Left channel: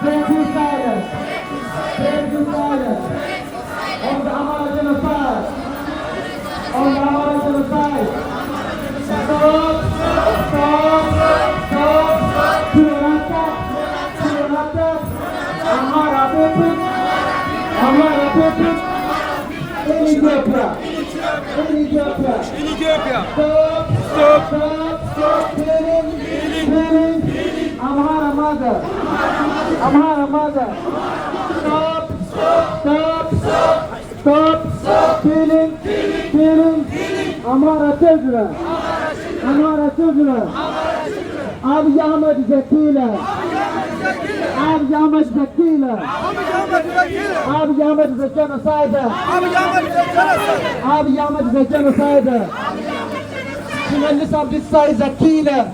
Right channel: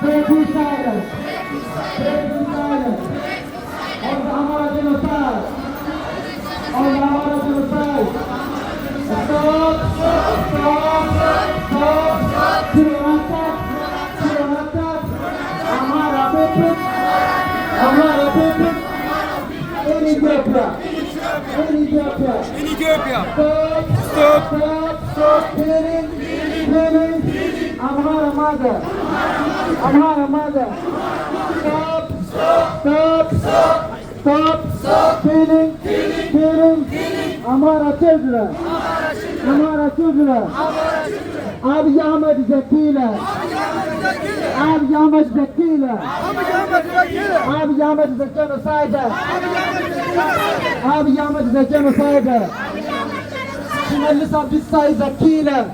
breaking silence, breaking silence on the Amara genocide, on the Amara genocide. Stop, Purata, Amara people, in Ethiopia, stop killing Amhara mother, stop killing Amhara children, Abiy Ahmed is a killer, Abiy Ahmed is a killer, Abiy Ahmed is a genocider, Abiy Ahmed is a genocider, Shimallis Abdissa is a killer,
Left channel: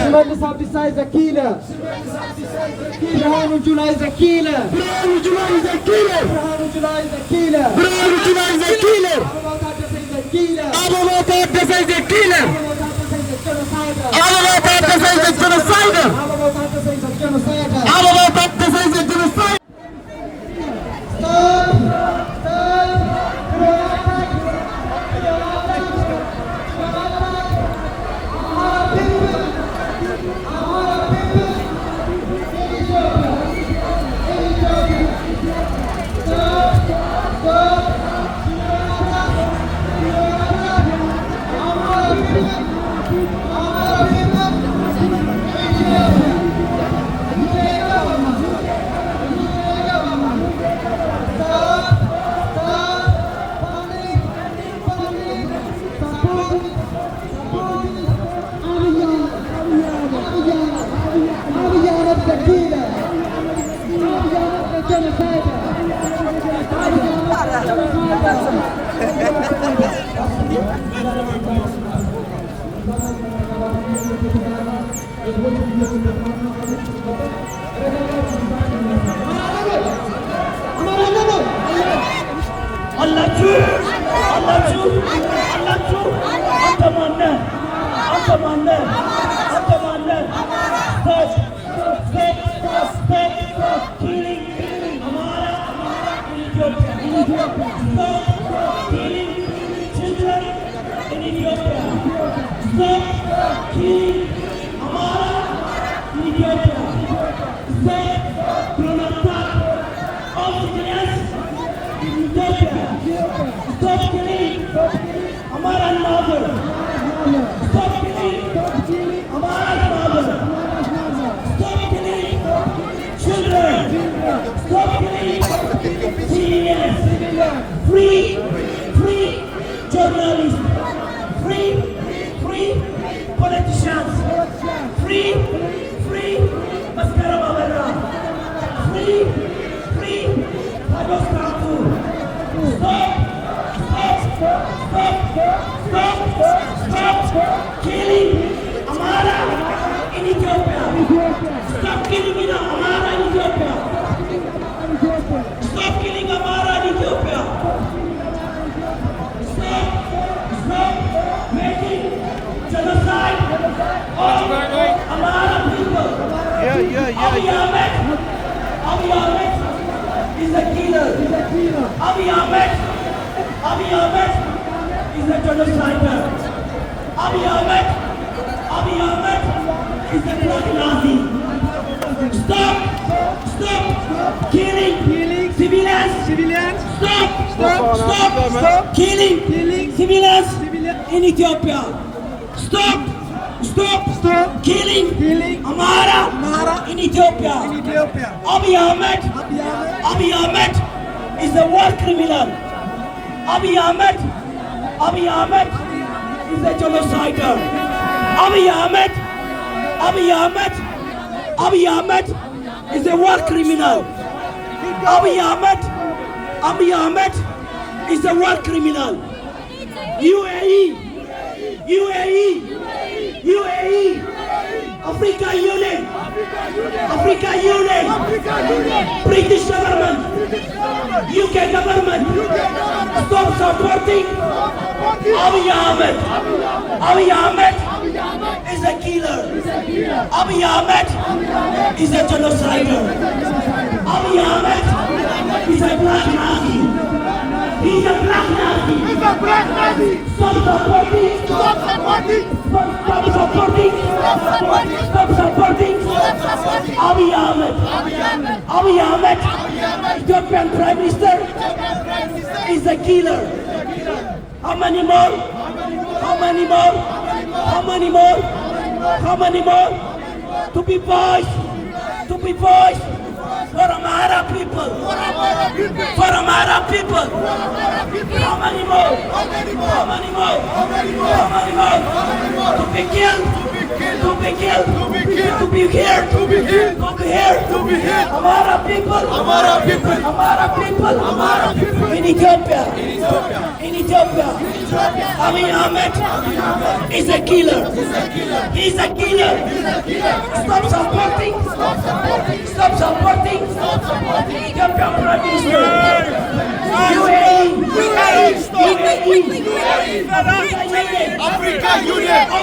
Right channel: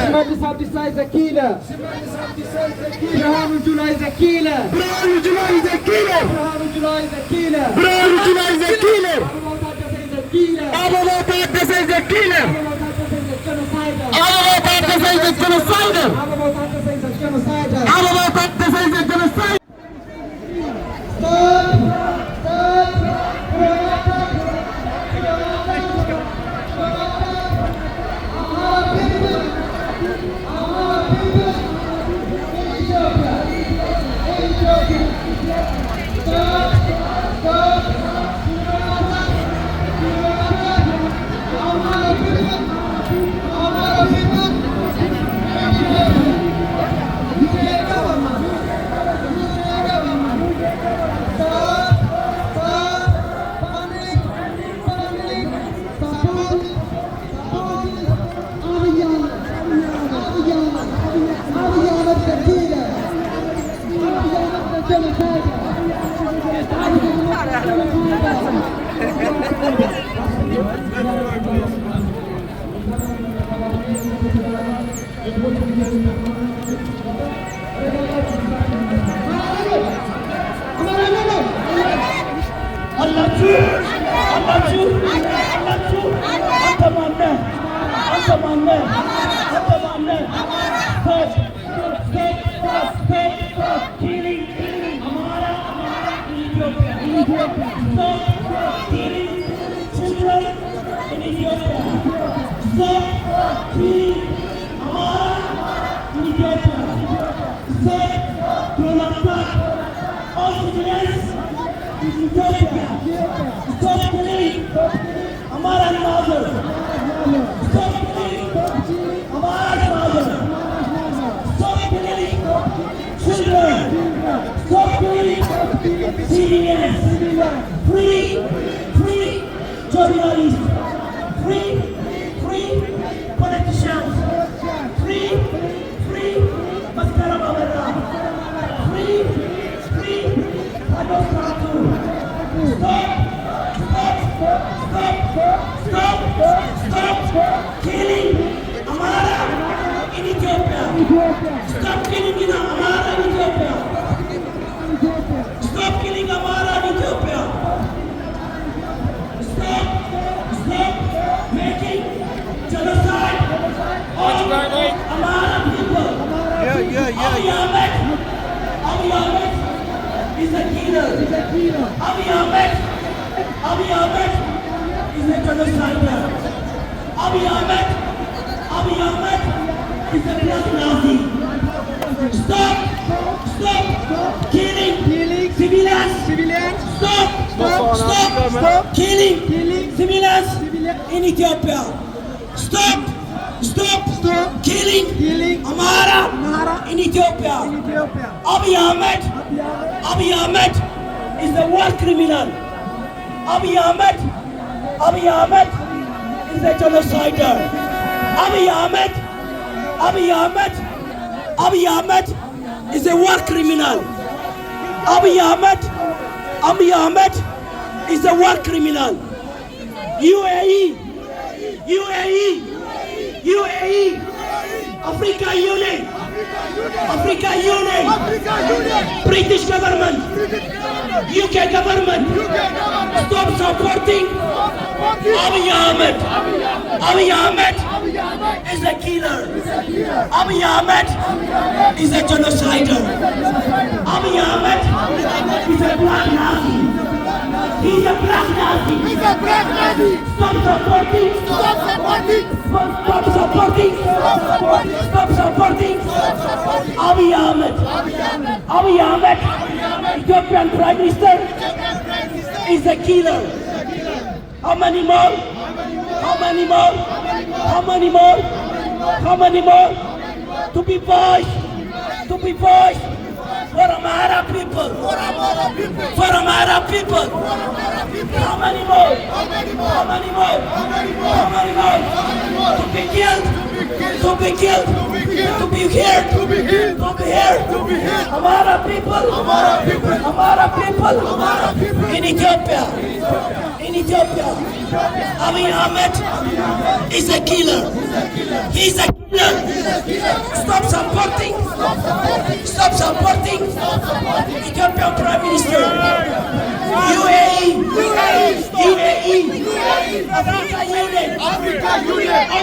Shimallis Abdissa is a killer, Birhanu Jula is a killer, Birhanu Jula is a killer, Birhanu Jula is a killer, Abubakar Dessa is a killer, Abubakar Dessa is a genocider, Abubakar Dessa is a genocider. Stop killing Amara in Ethiopia. Stop killing children in Ethiopia. Stop killing Amara in Ethiopia. Stop Pronaptak all civilians in Ethiopia. Stop killing Amara's mother. Stop killing Amara's mother. Stop killing children. Stop killing civilians. Free journalists. Free politicians. Free Maskara Babera. Free Hados Rampu. Stop killing Amara in Ethiopia. Stop killing Amara in Ethiopia. Stop killing Amara in Ethiopia. Stop making genocide of Amara people. Abiy Ahmed is a killer. Abiy Ahmed is a genocider. Abiy Ahmed is a black Nazi. Stop killing civilians. Stop killing civilians in Ethiopia. Stop killing Amara in Ethiopia. Abiy Ahmed is a war criminal. Abiy Ahmed is a genocider. Abiy Ahmed is a war criminal. Abiy Ahmed is a war criminal. UAE Africa Union, Africa Union, British government, UK government, stop supporting Abiy Ahmed. Abiy Ahmed is a killer. Abiy Ahmed is a genocider. Abiy Ahmed is a black Nazi. He's a black Nazi. He's a black Nazi. Stop supporting. Stop supporting. Stop supporting. Stop supporting. Stop supporting. Stop supporting. Abiy Ahmed. Abiy Ahmed. Ethiopian Prime Minister is a killer. How many more? How many more? How many more? How many more? To be voiced. To be voiced. For Amhara people. For Amhara people. How many more? How many more? How many more? How many more? To be killed. To be killed. To be here. To be here. To be here. To be here. Amhara people. Amhara people. Amhara people. Amhara people. In Ethiopia. In Ethiopia. Abiy Ahmed is a killer. He's a killer. Stop supporting. Stop supporting. Ethiopian Prime Minister. UAE. Africa Union.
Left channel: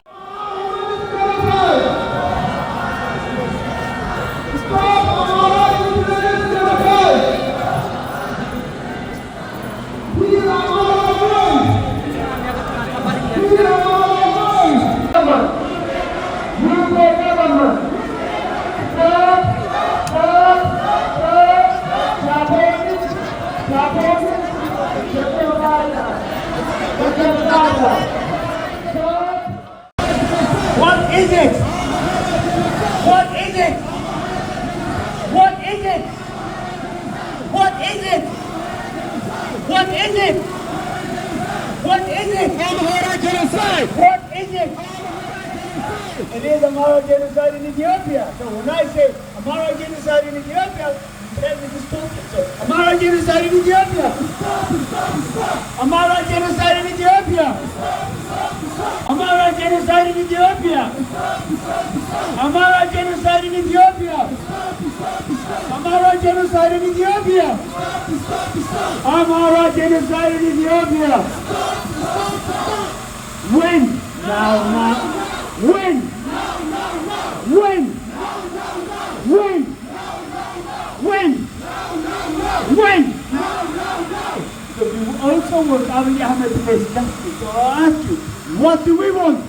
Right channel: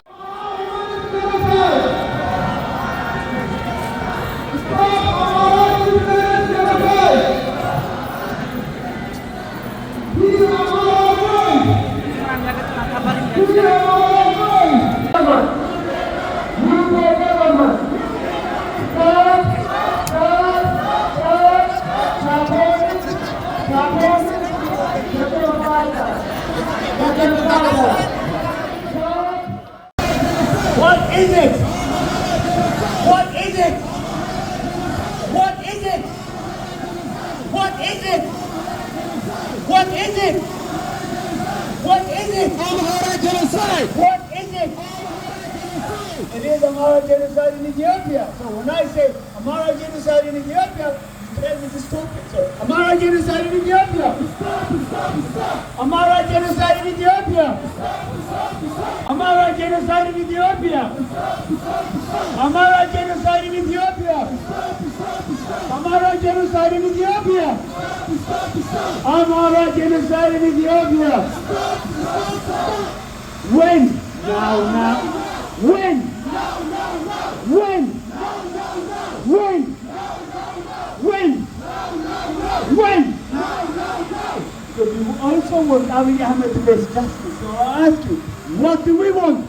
What is it? What is it? What is it? What is it? What is it? What is it? Amhara genocide. What is it? It is Amhara genocide in Ethiopia. So when I say Amhara genocide in Ethiopia, then it is stupid. So Amhara genocide in Ethiopia. Amhara genocide in Ethiopia. Amhara genocide in Ethiopia. Amhara genocide in Ethiopia. Amhara genocide in Ethiopia. Amhara genocide in Ethiopia. When? Now. When? When? When? When? When? So you also want Abiy Ahmed to face justice. So I ask you, what do we want?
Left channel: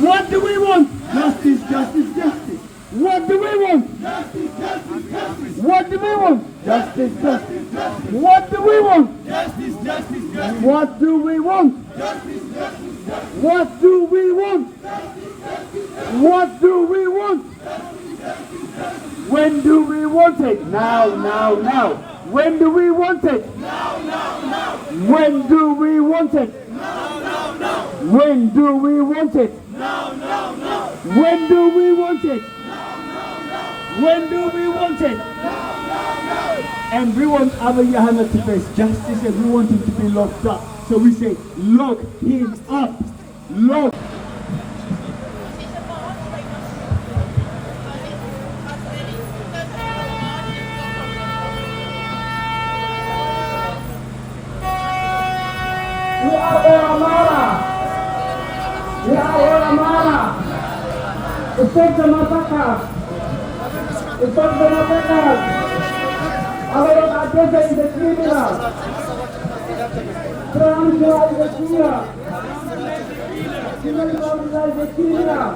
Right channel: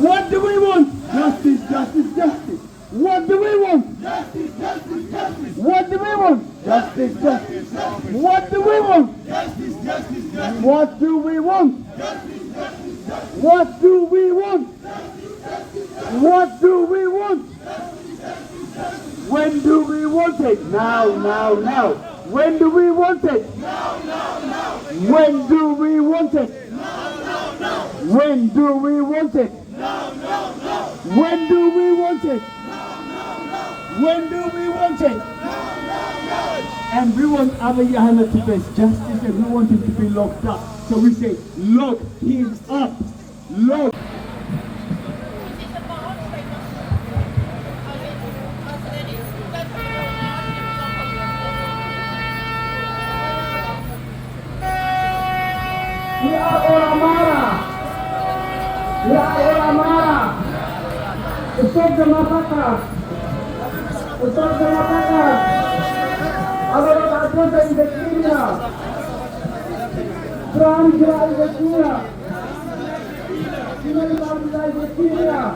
What do we want? Justice, justice, justice. What do we want? Justice, justice, justice. What do we want? Justice, justice, justice. What do we want? Justice, justice, justice. What do we want? Justice, justice, justice. What do we want? What do we want? When do we want it? Now. When do we want it? Now. When do we want it? No. When do we want it? No. When do we want it? No. When do we want it? No. And we want Abiy Ahmed to face justice, and we want him to be locked up. So we say, lock him up. Lock. We are all Amhara. We are all Amhara. Stop the massacre. Stop the massacre. Our address is a criminal. Transfer is a criminal. Criminal is a criminal.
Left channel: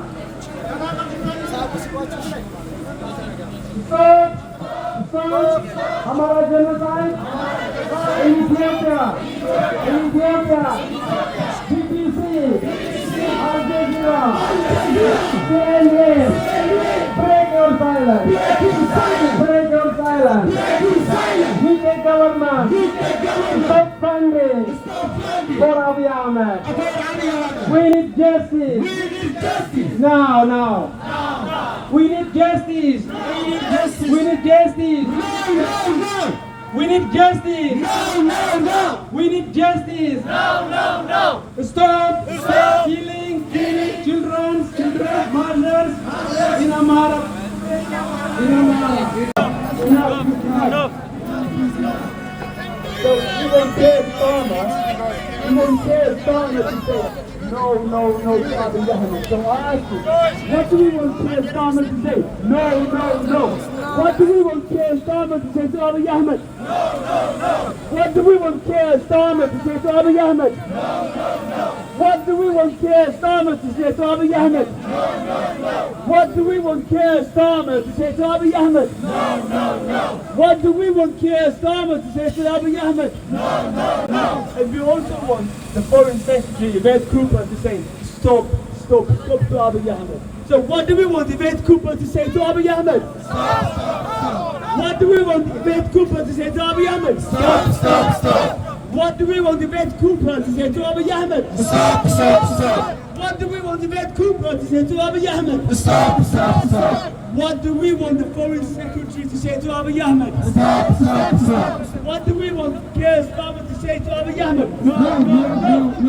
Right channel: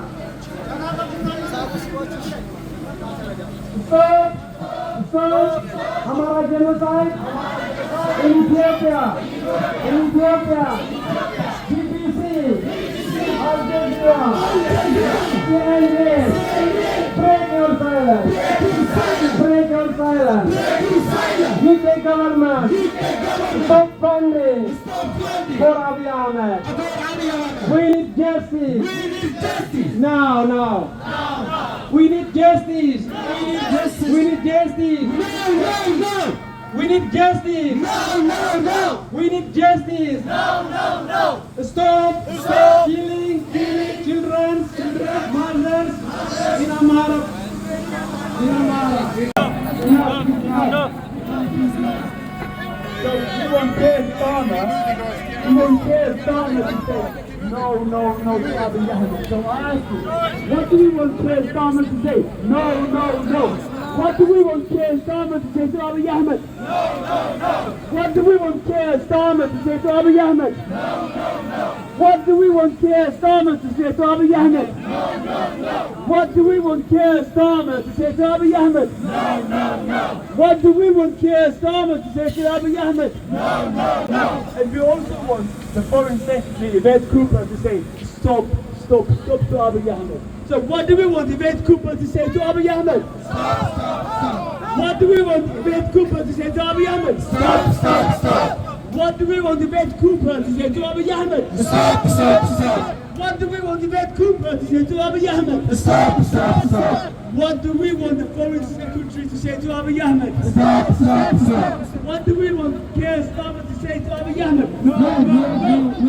Stop Amhara genocide. In Ethiopia, BBC, Al Jazeera, CNN, break your silence, UK government, stop funding for Abiy Ahmed. We need justice. Now. We need justice. We need justice. We need justice. No, no, no. We need justice. No, no, no. Stop. Stop. Killing children, mothers in Amara. In Amara. So we won't care Starmer. We won't care Starmer to say no to Abiy Ahmed. So I ask you, what do we want Keir Starmer to say? No. What do we want Keir Starmer to say to Abiy Ahmed? No. What do we want Keir Starmer to say to Abiy Ahmed? No. What do we want Keir Starmer to say to Abiy Ahmed? No. What do we want Keir Starmer to say to Abiy Ahmed? No. What do we want Keir Starmer to say to Abiy Ahmed? No. And we also want the Foreign Secretary, Yvette Cooper, to say stop to Abiy Ahmed. So what do we want Yvette Cooper to say to Abiy Ahmed? Stop. What do we want Yvette Cooper to say to Abiy Ahmed? Stop. What do we want Yvette Cooper to say to Abiy Ahmed? Stop. What do we want Yvette Cooper to say to Abiy Ahmed? Stop. What do we want the Foreign Secretary to say to Abiy Ahmed? Stop. What do we want Keir Starmer to say to Abiy Ahmed? No.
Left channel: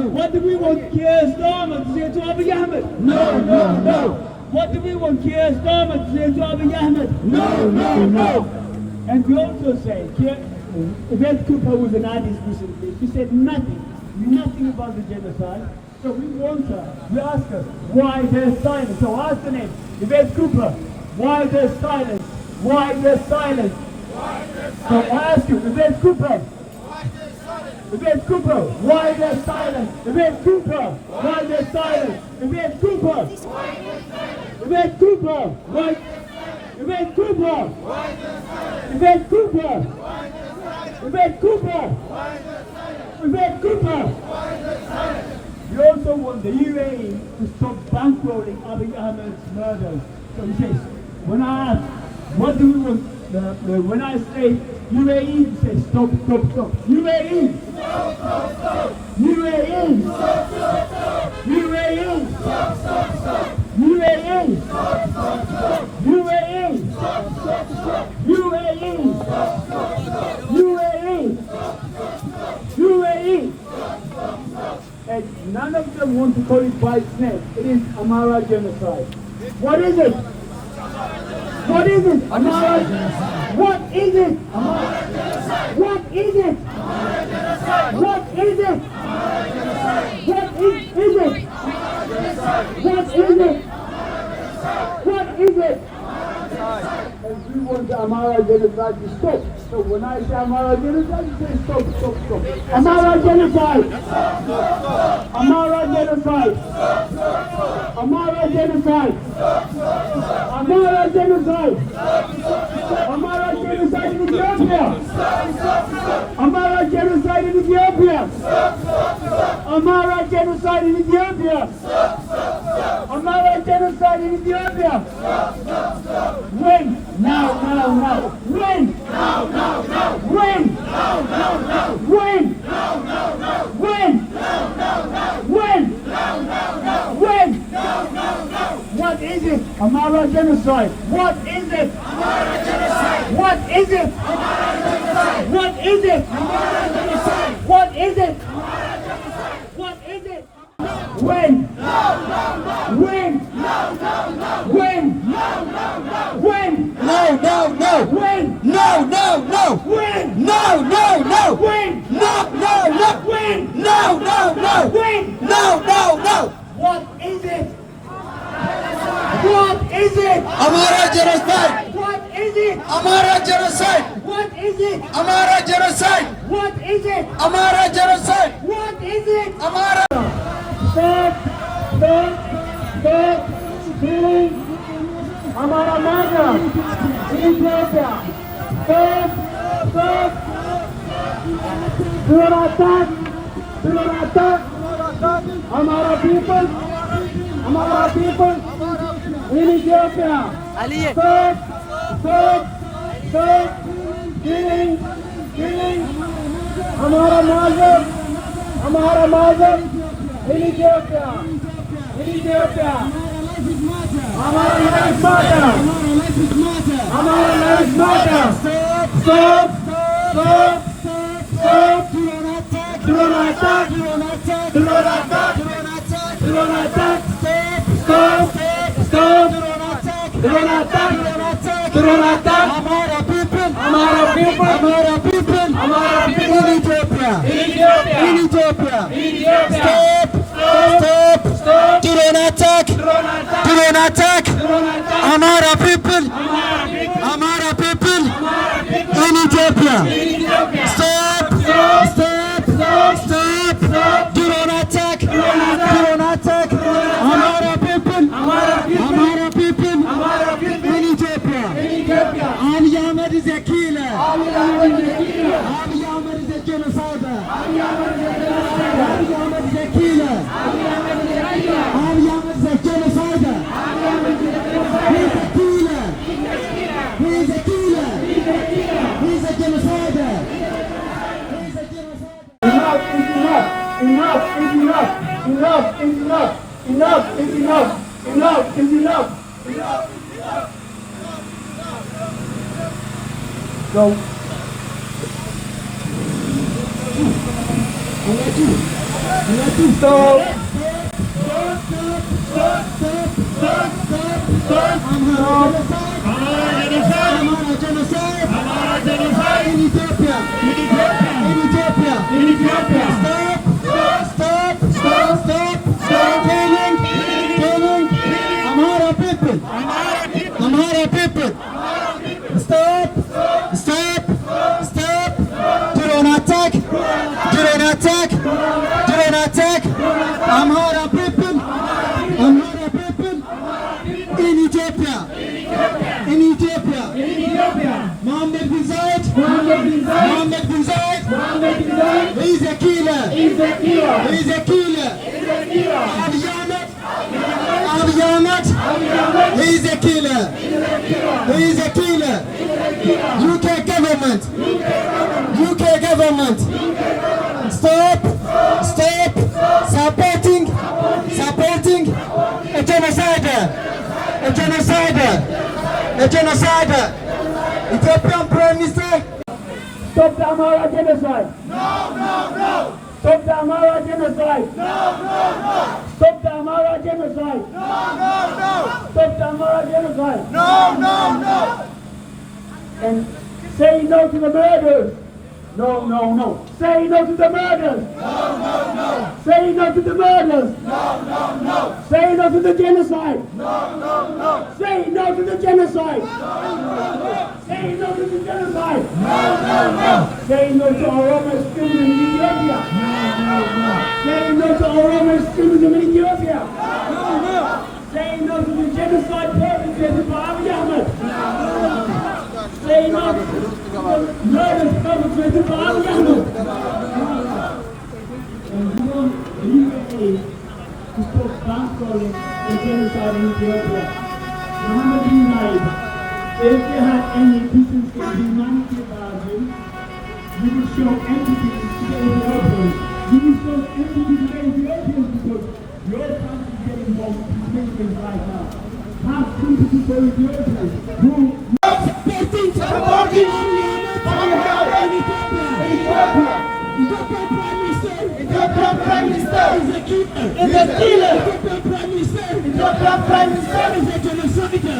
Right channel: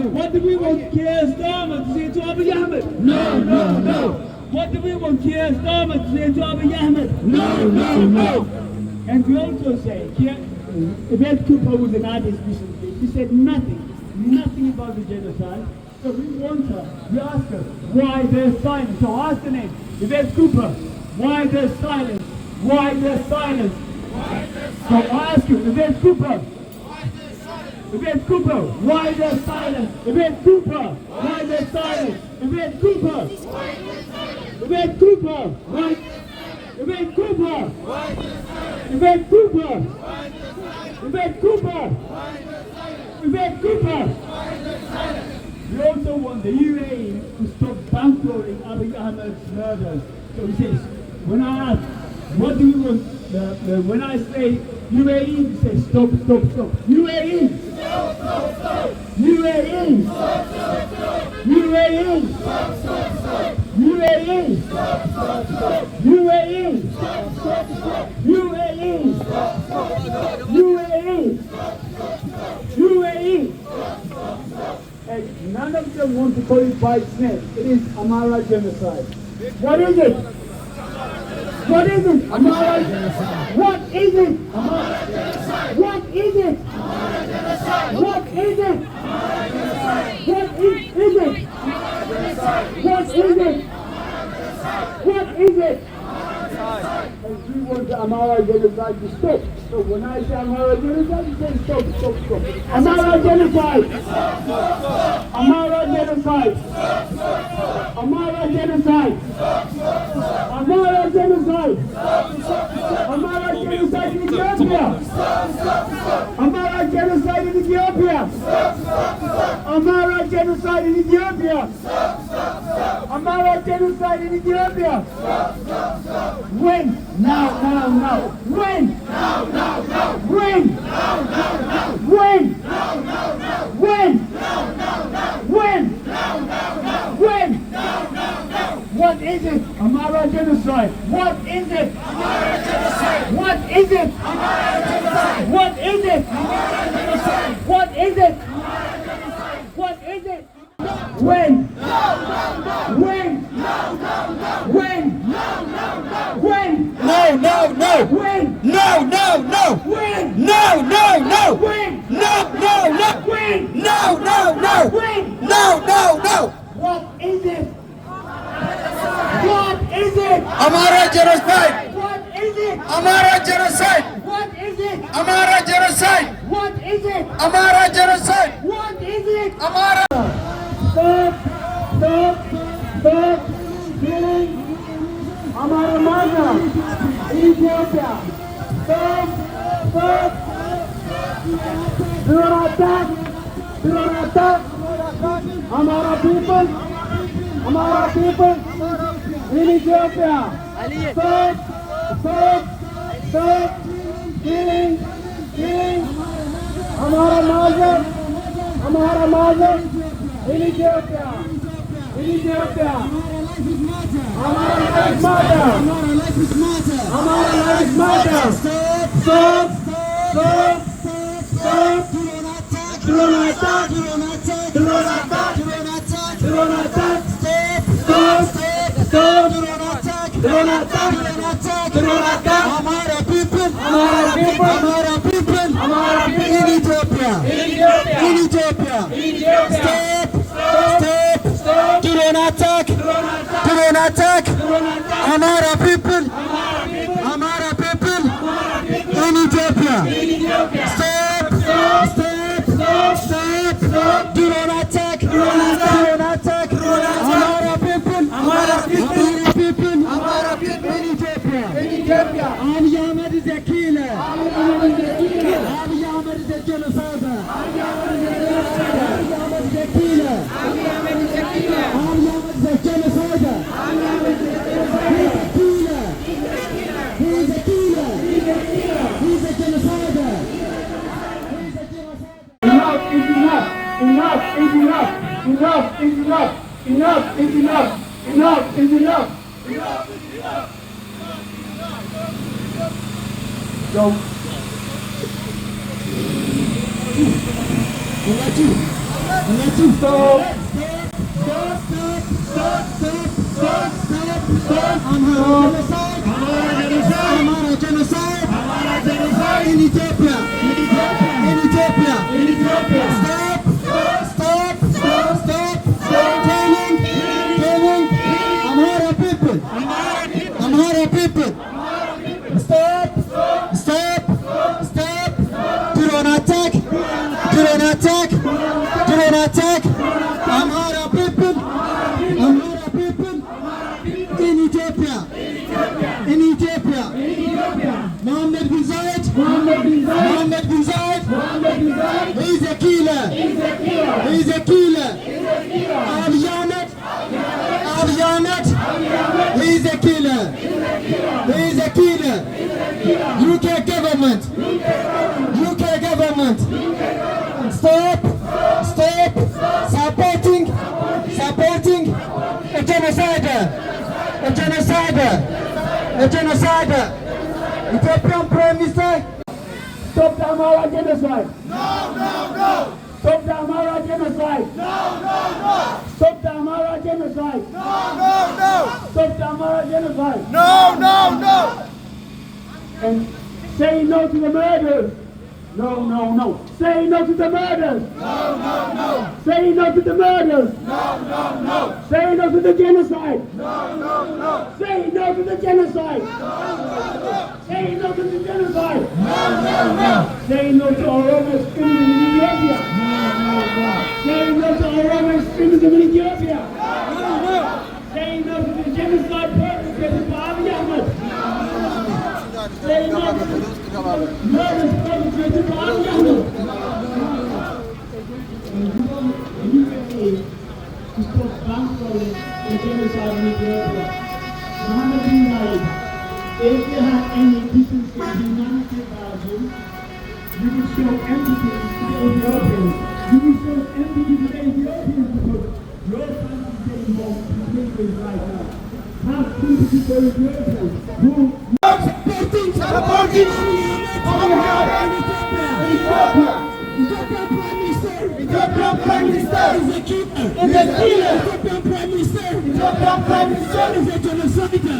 What do we want Keir Starmer to say to Abiy Ahmed? No. What do we want Keir Starmer to say to Abiy Ahmed? No. And we also say, Yvette Cooper was an artist recently. She said nothing about the genocide. So we want her, we ask her, why there's silence? So ask her name, Yvette Cooper, why there's silence? Why there's silence? So I ask you, Yvette Cooper, Yvette Cooper, why there's silence? Yvette Cooper, why there's silence? Yvette Cooper, Yvette Cooper, why? Yvette Cooper, Yvette Cooper, Yvette Cooper, Yvette Cooper. We also want the UAE to stop bankrolling Abiy Ahmed's murders. So he says, when I ask, what do we want? When I say UAE, he says stop. UAE! UAE! UAE! UAE! UAE! UAE! And none of them want to call it by its name. It is Amara genocide. What is it? What is it? Amara genocide. What is it? Amara genocide. What is it? Amara genocide. What is it? Amara genocide. What is it? Amara genocide. What is it? What is it? And we want the Amara genocide to stop. So when I say Amara genocide, you say stop. Amara genocide. Amara genocide. Amara genocide. Amara genocide. Amara genocide in Ethiopia. Amara genocide in Ethiopia. Amara genocide in Ethiopia. Amara genocide in Ethiopia. When? Now. When? When? When? When? What is it? Amara genocide. What is it? Amara genocide. What is it? Amara genocide. What is it? Amara genocide. What is it? Amara genocide. What is it? When? When? When? When? No. When? No. When? No. When? No. When? No. When? No. What is it? What is it? Amara genocide. What is it? Amara genocide. What is it? Amara genocide. What is it? Amara genocide. What is it? Amara. Stop killing Amara Maya in Ethiopia. Stop. Do not attack Amara people in Ethiopia. Stop killing Amara Maya in Ethiopia. Amara life matter. Amara life matter. Stop. drone attack, drone attack, drone attack. Amhara people, Amhara people, Amhara people, Amhara people. in Ethiopia, in Ethiopia, stop, stop, drone attack, drone attack, Amhara people, Amhara people, in Ethiopia, stop, stop, stop, drone attack, drone attack, Amhara people, Amhara people, in Ethiopia, Abiy Ahmed is a killer, Abiy Ahmed is a genocider, Abiy Ahmed is a killer, Abiy Ahmed is a genocider, he's a killer, he's a killer, he's a genocider, he's a genocider. Enough is enough. Enough is enough. Enough is enough. Enough is enough. Enough is enough. Enough is enough. So, In Ethiopia, in Ethiopia, stop, stop, stop, coming, Amhara people, Amhara people, stop, stop, stop, drone attack, drone attack, drone attack, Amhara people, in Ethiopia, in Ethiopia, Mohammed bin Zayed, he's a killer, he's a killer, Abiy Ahmed, he's a killer, he's a killer, UK government, stop, supporting a genocider, Ethiopian Prime Minister. stop the Amhara genocide. Stop the Amhara genocide. Stop the Amhara genocide. Stop the Amhara genocide. And say no to the murders. No. Say no to the murders. Say no to the murders. Say no to the genocide. Say no to the genocide. Say no to the genocide. Say no to Oromo extremism in Ethiopia. Say no to Oromo extremism in Ethiopia. Say no to the genocide perpetrated by Abiy Ahmed. Say no to the murders perpetrated by Abiy Ahmed. To stop canceling the genocide in Ethiopia. Muhammad bin Zayed, if they had any decency and humanity about you, you would show empathy to the Ethiopians. You would show empathy to the Ethiopians because your country is getting more things right now. Have sympathy for Ethiopians who supporting Abiy Ahmed in Ethiopia. Ethiopian Prime Minister is a killer. Ethiopian Prime Minister is a genocider.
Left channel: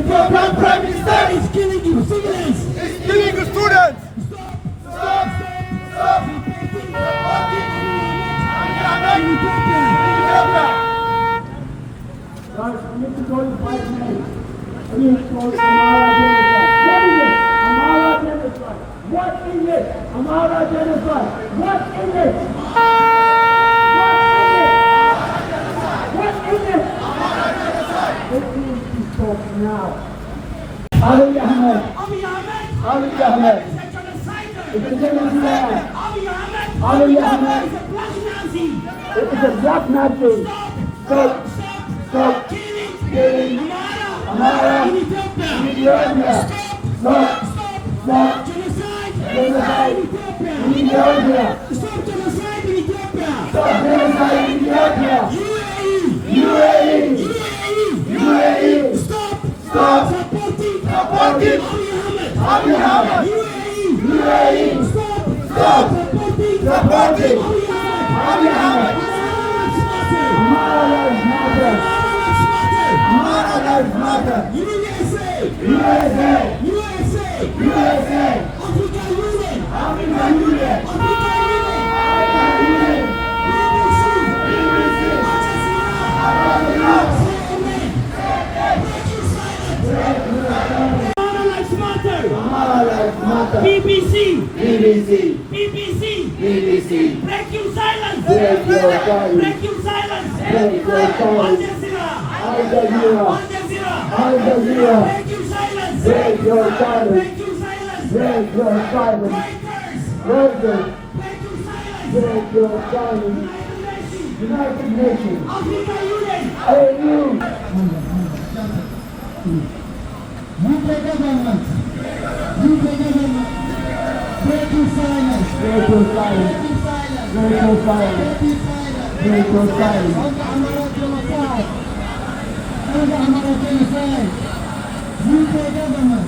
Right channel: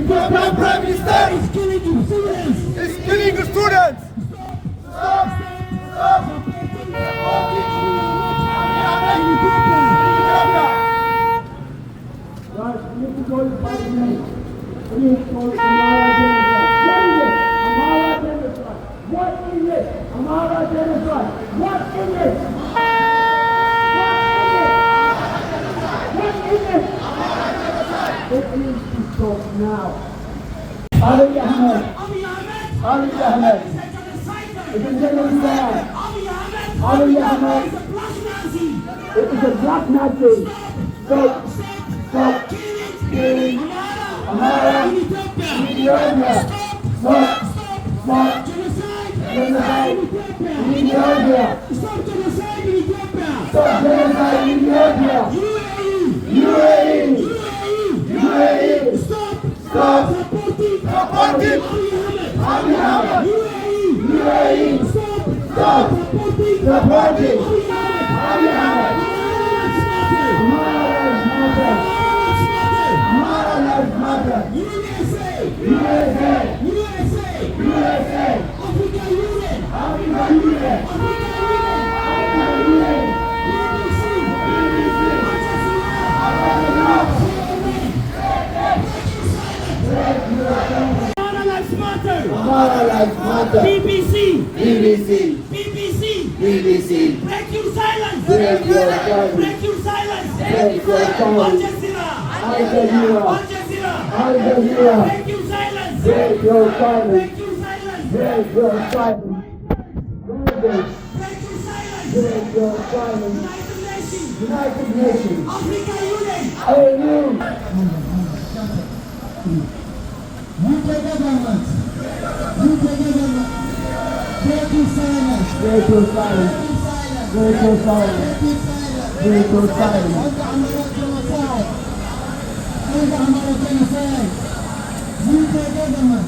Ethiopian Prime Minister is killing you civilians. He's killing the students. Stop. Guys, we need to go in 5 minutes. We need to go in What is it? Amhara genocide. What is it? What is it? It needs to stop now. Abiy Ahmed. It's a genocide. Abiy Ahmed. It is a black Nazi. Stop killing Amhara in Ethiopia. Stop. Genocide in Ethiopia. Stop genocide in Ethiopia. Stop genocide in Ethiopia. UAE. Stop supporting Abiy Ahmed. UAE. Stop supporting Abiy Ahmed. BBC. BBC. BBC. Break your silence. Break your silence. Break your silence. Break your Al silence. Jazeera. Al Jazeera. Al Jazeera. Al Jazeera. Break your silence. Break your silence. Break your silence. Break your silence. Reuters. Reuters. Break your silence. Break your silence. United Nations. United Nations. Africa Union. AU. UK government, break your silence, Break your silence. Break your silence. Break your silence. on the Amara genocide, UK government,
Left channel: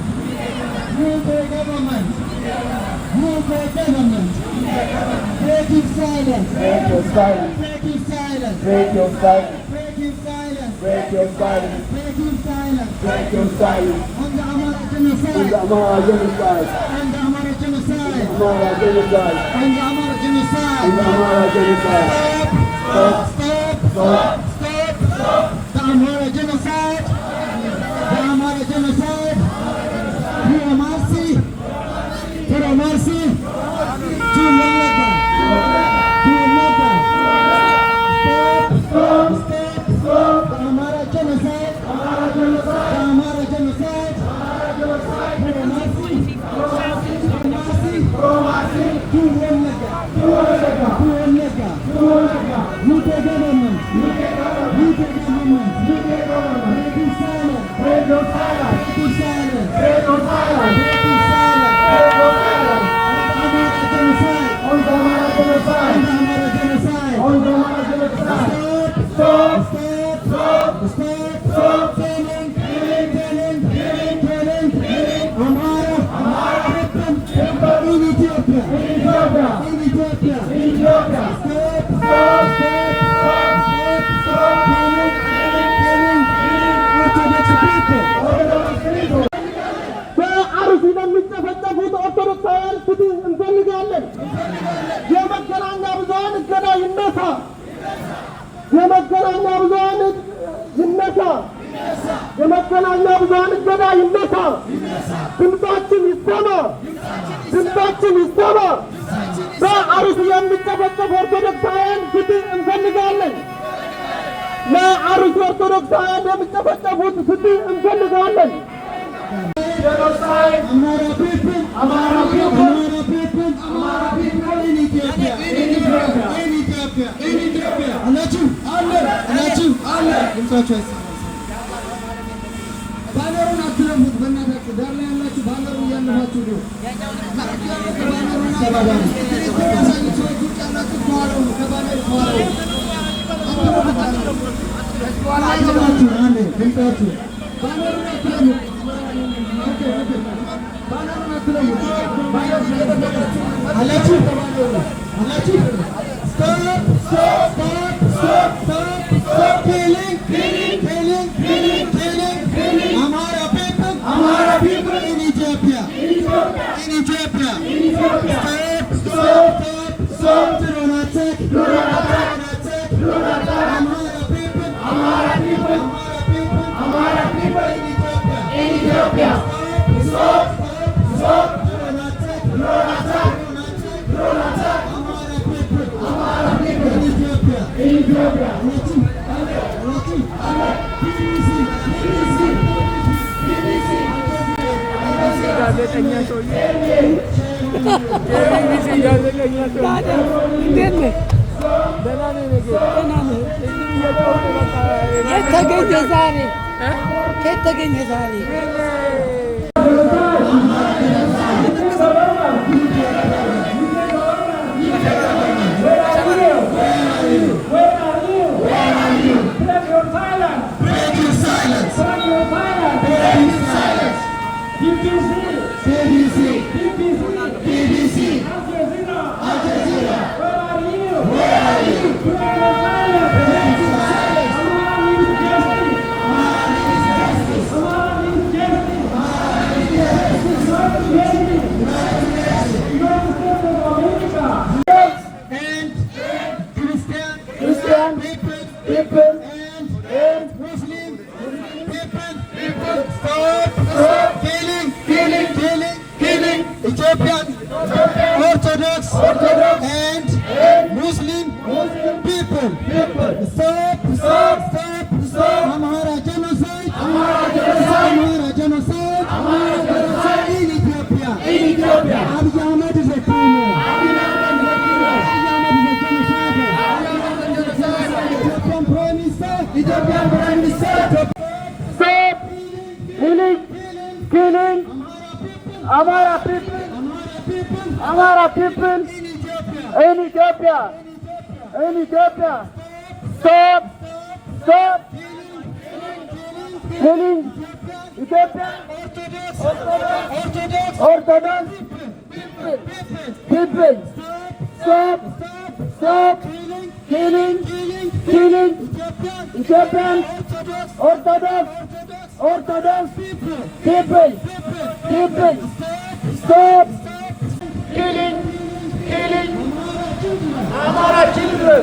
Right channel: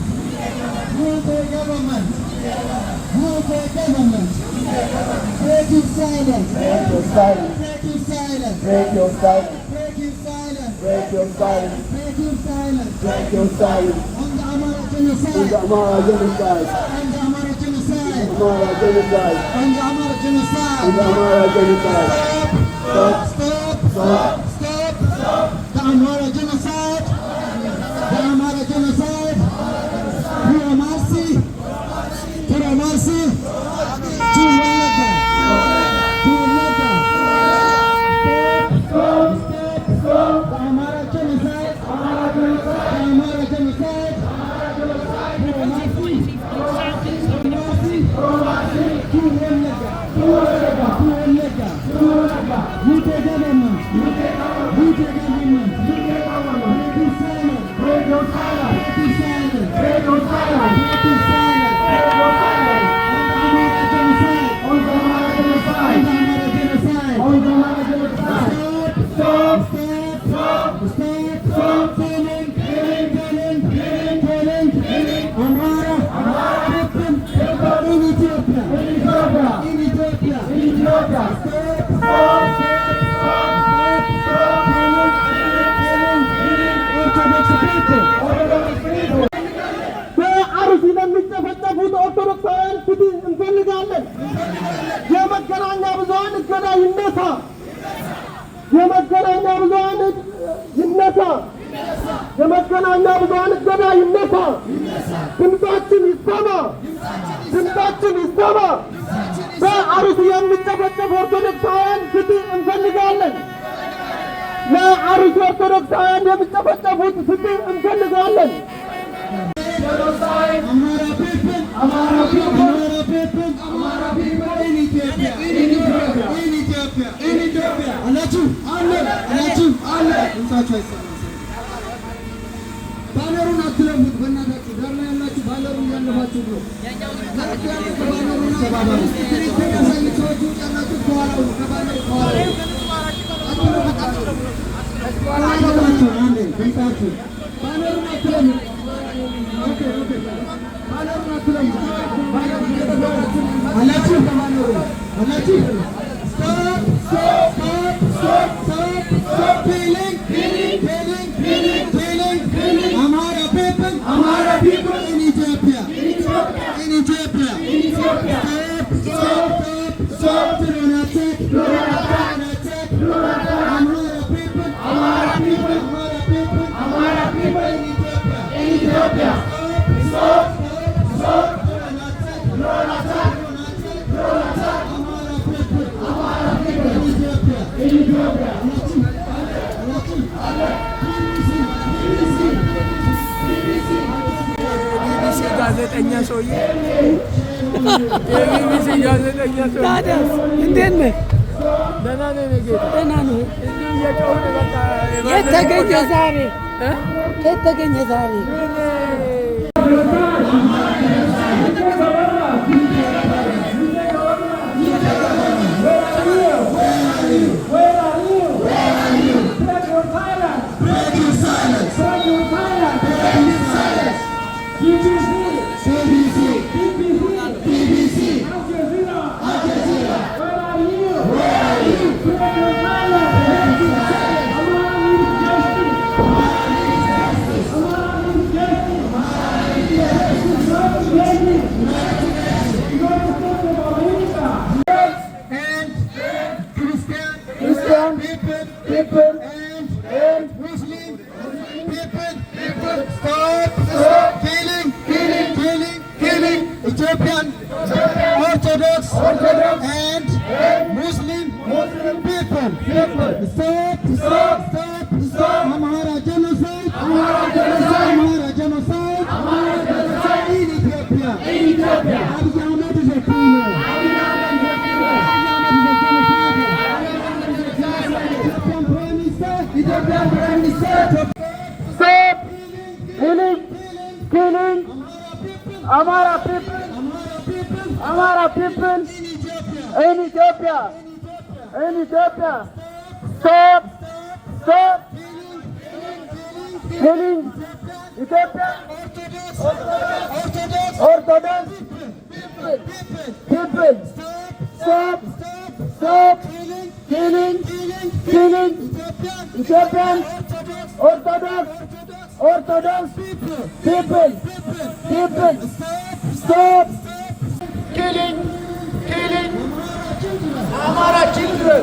break your silence, Break your silence. break your silence, Break your silence. break your silence, Break your silence. break your silence, Break your silence. on the Amara In genocide, the Amara genocide. on the Amara genocide, Amara genocide. on the Amara In the genocide. Amara genocide. Stop! Stop! The Amara genocide! The Amara genocide! Pure mercy! Pure mercy! To Wallaka! To Wallaka! Stop! The Amara genocide! The Amara genocide! Pure mercy! Pure mercy! To Wallaka! To Wallaka! UK government! UK government! Break your silence! Break your silence. Break your silence! Break your silence. Break your silence! Break your silence. On the Amara genocide! On the Amara On genocide. the Amara genocide! On the Amara genocide. Stop! Stop! Killing! Amara! People in Ethiopia! In Ethiopia! Ethiopia. Orthodox people! በአርሲ ለሚጨፈጨፉት ኦርቶዶክሳውያን ፍትህ እንፈልጋለን። የመገናኛ ብዙኃን እገዳ ይነሳ። የመገናኛ ብዙኃን ይነሳ። የመገናኛ ብዙኃን እገዳ ይነሳ። ድምፃችን ይሰማ። ድምፃችን ይሰማ። በአርሲ የሚጨፈጨፉ ኦርቶዶክሳውያን ፍትህ እንፈልጋለን። ለአርሲ ኦርቶዶክሳውያን የሚጨፈጨፉት ፍትህ እንፈልጋለን። Amara people! Amara people! In Ethiopia! In Ethiopia! አላችሁ ድምጻችሁ አይሰማም። ባነሩን አትለፉት በእናታችሁ። ዳር ላይ ያላችሁ ባነሩን እያለፋችሁ ነው። ባነሩን ተባባሉ። ያሳዩት ሰዎች ውጭ ያላችሁ ከኋላው ከባነሩ ከኋላው አትለፉት። አንዴ ድምጻችሁ ባነሩን አትለፉት። Stop killing Amara people in Ethiopia. Stop do not attack Amara people in Ethiopia. Stop do not attack Amara people in Ethiopia. ጋዜጠኛ ሰውዬ የቢቢሲ ጋዜጠኛ ሰውዬ እንዴት ነህ? ደህና ነኝ እኔ ጌታ። ደህና ነህ? እዚህ እየጮህኩ በቃ የት ተገኘ ዛሬ? የት ተገኘ ዛሬ? Muslim people, stop killing and Muslim people. Stop Amhara genocide. Amhara genocide in Ethiopia. Abiy Ahmed is a criminal. Ethiopian Prime Minister. Stop killing Amhara people in Ethiopia. Stop killing Ethiopian Orthodox people. Stop killing Ethiopian Orthodox people. Stop killing Amhara children.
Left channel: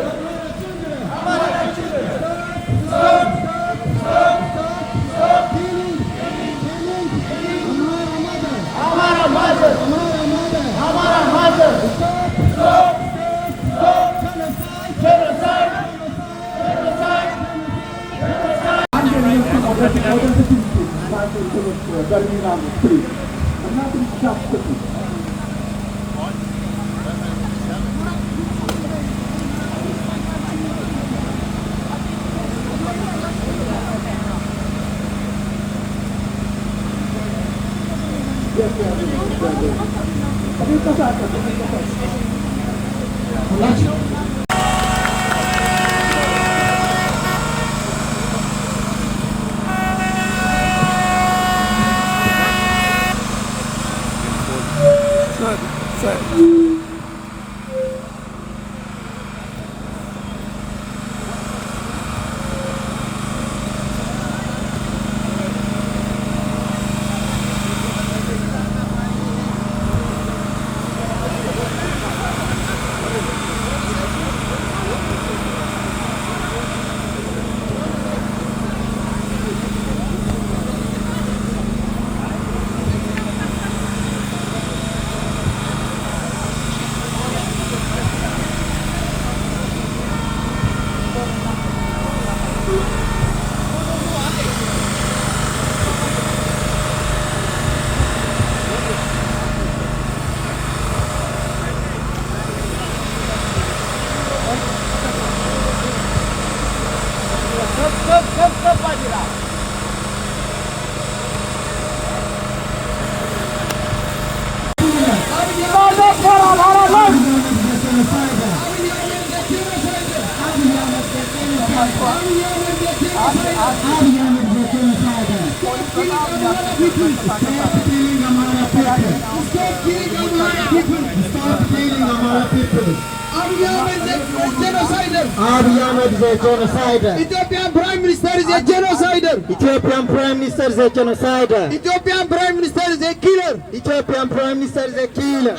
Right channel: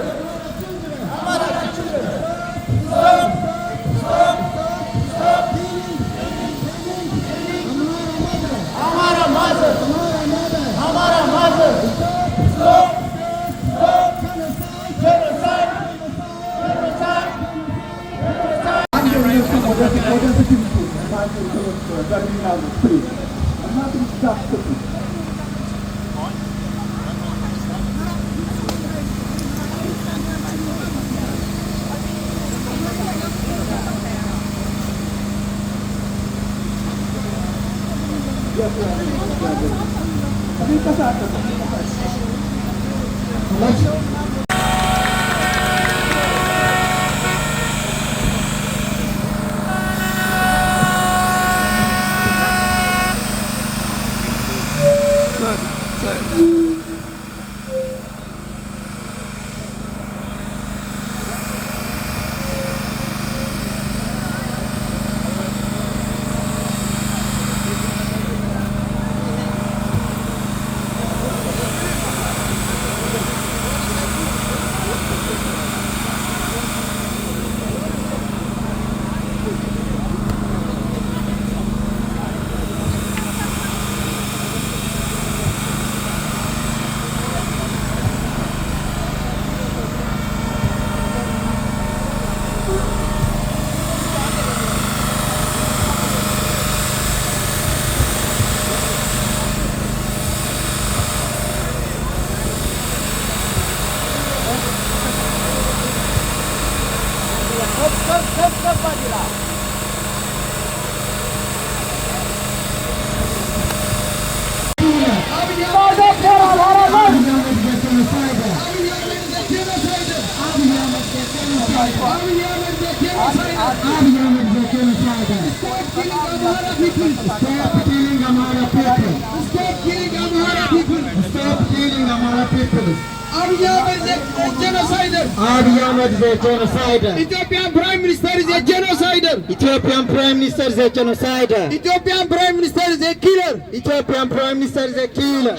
Abiy Ahmed is a genocider. Ethiopian Prime Minister is a genocider. Ethiopian Prime Minister is a genocider. Ethiopian Prime Minister is a killer. Ethiopian Prime Minister is a killer.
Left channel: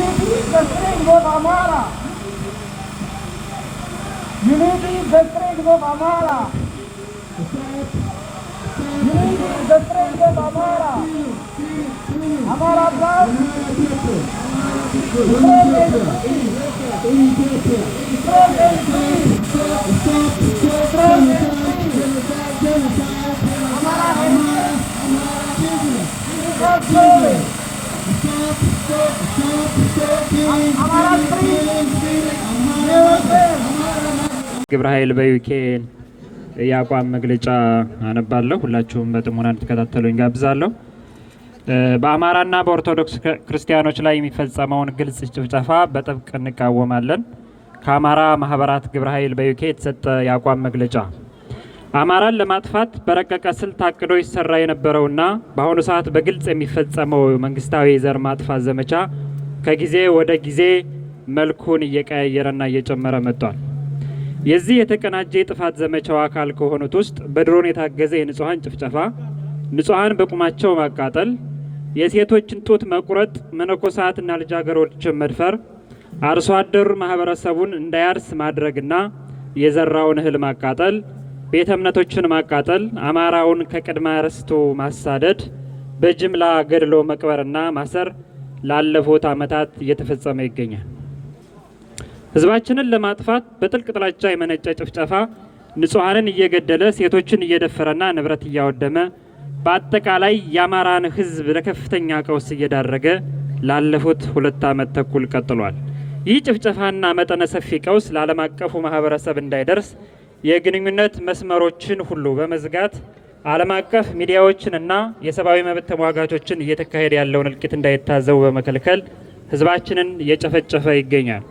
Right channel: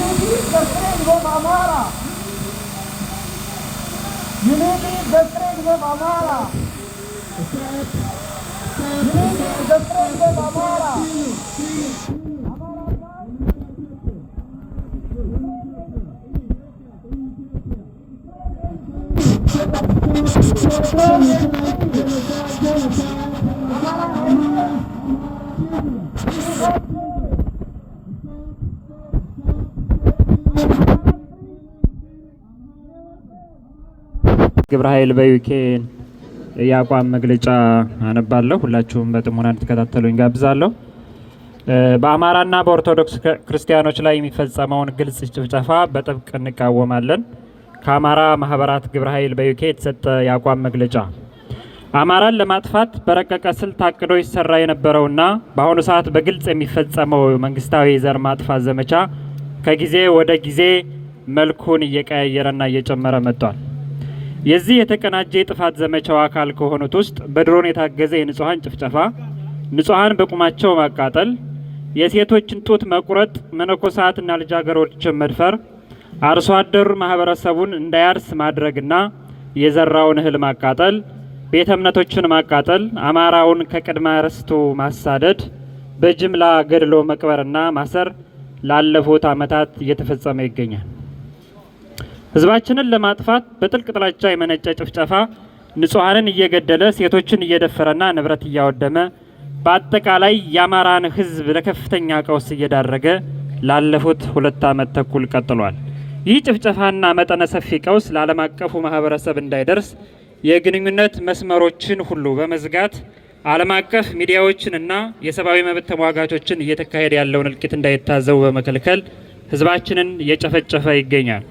Unity is the strength of Amhara. Unity is the strength of Amhara. Unity is the strength of Amhara. Amhara blood. ግብረ ኃይል በዩኬን የአቋም መግለጫ አነባለሁ። ሁላችሁም በጥሞና እንድትከታተሉኝ ጋብዛለሁ። በአማራና በኦርቶዶክስ ክርስቲያኖች ላይ የሚፈጸመውን ግልጽ ጭፍጨፋ በጥብቅ እንቃወማለን። ከአማራ ማህበራት ግብረ ኃይል በዩኬ የተሰጠ የአቋም መግለጫ አማራን ለማጥፋት በረቀቀ ስልት ታቅዶ ይሰራ የነበረውና በአሁኑ ሰዓት በግልጽ የሚፈጸመው መንግስታዊ የዘር ማጥፋት ዘመቻ ከጊዜ ወደ ጊዜ መልኩን እየቀያየረና እየጨመረ መጥቷል። የዚህ የተቀናጀ የጥፋት ዘመቻው አካል ከሆኑት ውስጥ በድሮን የታገዘ የንጹሃን ጭፍጨፋ፣ ንጹሃን በቁማቸው ማቃጠል፣ የሴቶችን ጡት መቁረጥ፣ መነኮሳትና ልጃገረዶችን መድፈር፣ አርሶ አደሩ ማህበረሰቡን እንዳያርስ ማድረግና የዘራውን እህል ማቃጠል፣ ቤተ እምነቶችን ማቃጠል፣ አማራውን ከቅድመ ርስቱ ማሳደድ፣ በጅምላ ገድሎ መቅበርና ማሰር ላለፉት ዓመታት እየተፈጸመ ይገኛል። ህዝባችንን ለማጥፋት በጥልቅ ጥላቻ የመነጨ ጭፍጨፋ ንጹሃንን እየገደለ ሴቶችን እየደፈረና ንብረት እያወደመ በአጠቃላይ የአማራን ህዝብ ለከፍተኛ ቀውስ እየዳረገ ላለፉት 2 ዓመት ተኩል ቀጥሏል። ይህ ጭፍጨፋና መጠነ ሰፊ ቀውስ ለዓለም አቀፉ ማህበረሰብ እንዳይደርስ የግንኙነት መስመሮችን ሁሉ በመዝጋት ዓለም አቀፍ ሚዲያዎችንና የሰብአዊ መብት ተሟጋቾችን እየተካሄደ ያለውን እልቂት እንዳይታዘቡ በመከልከል ህዝባችንን እየጨፈጨፈ ይገኛል።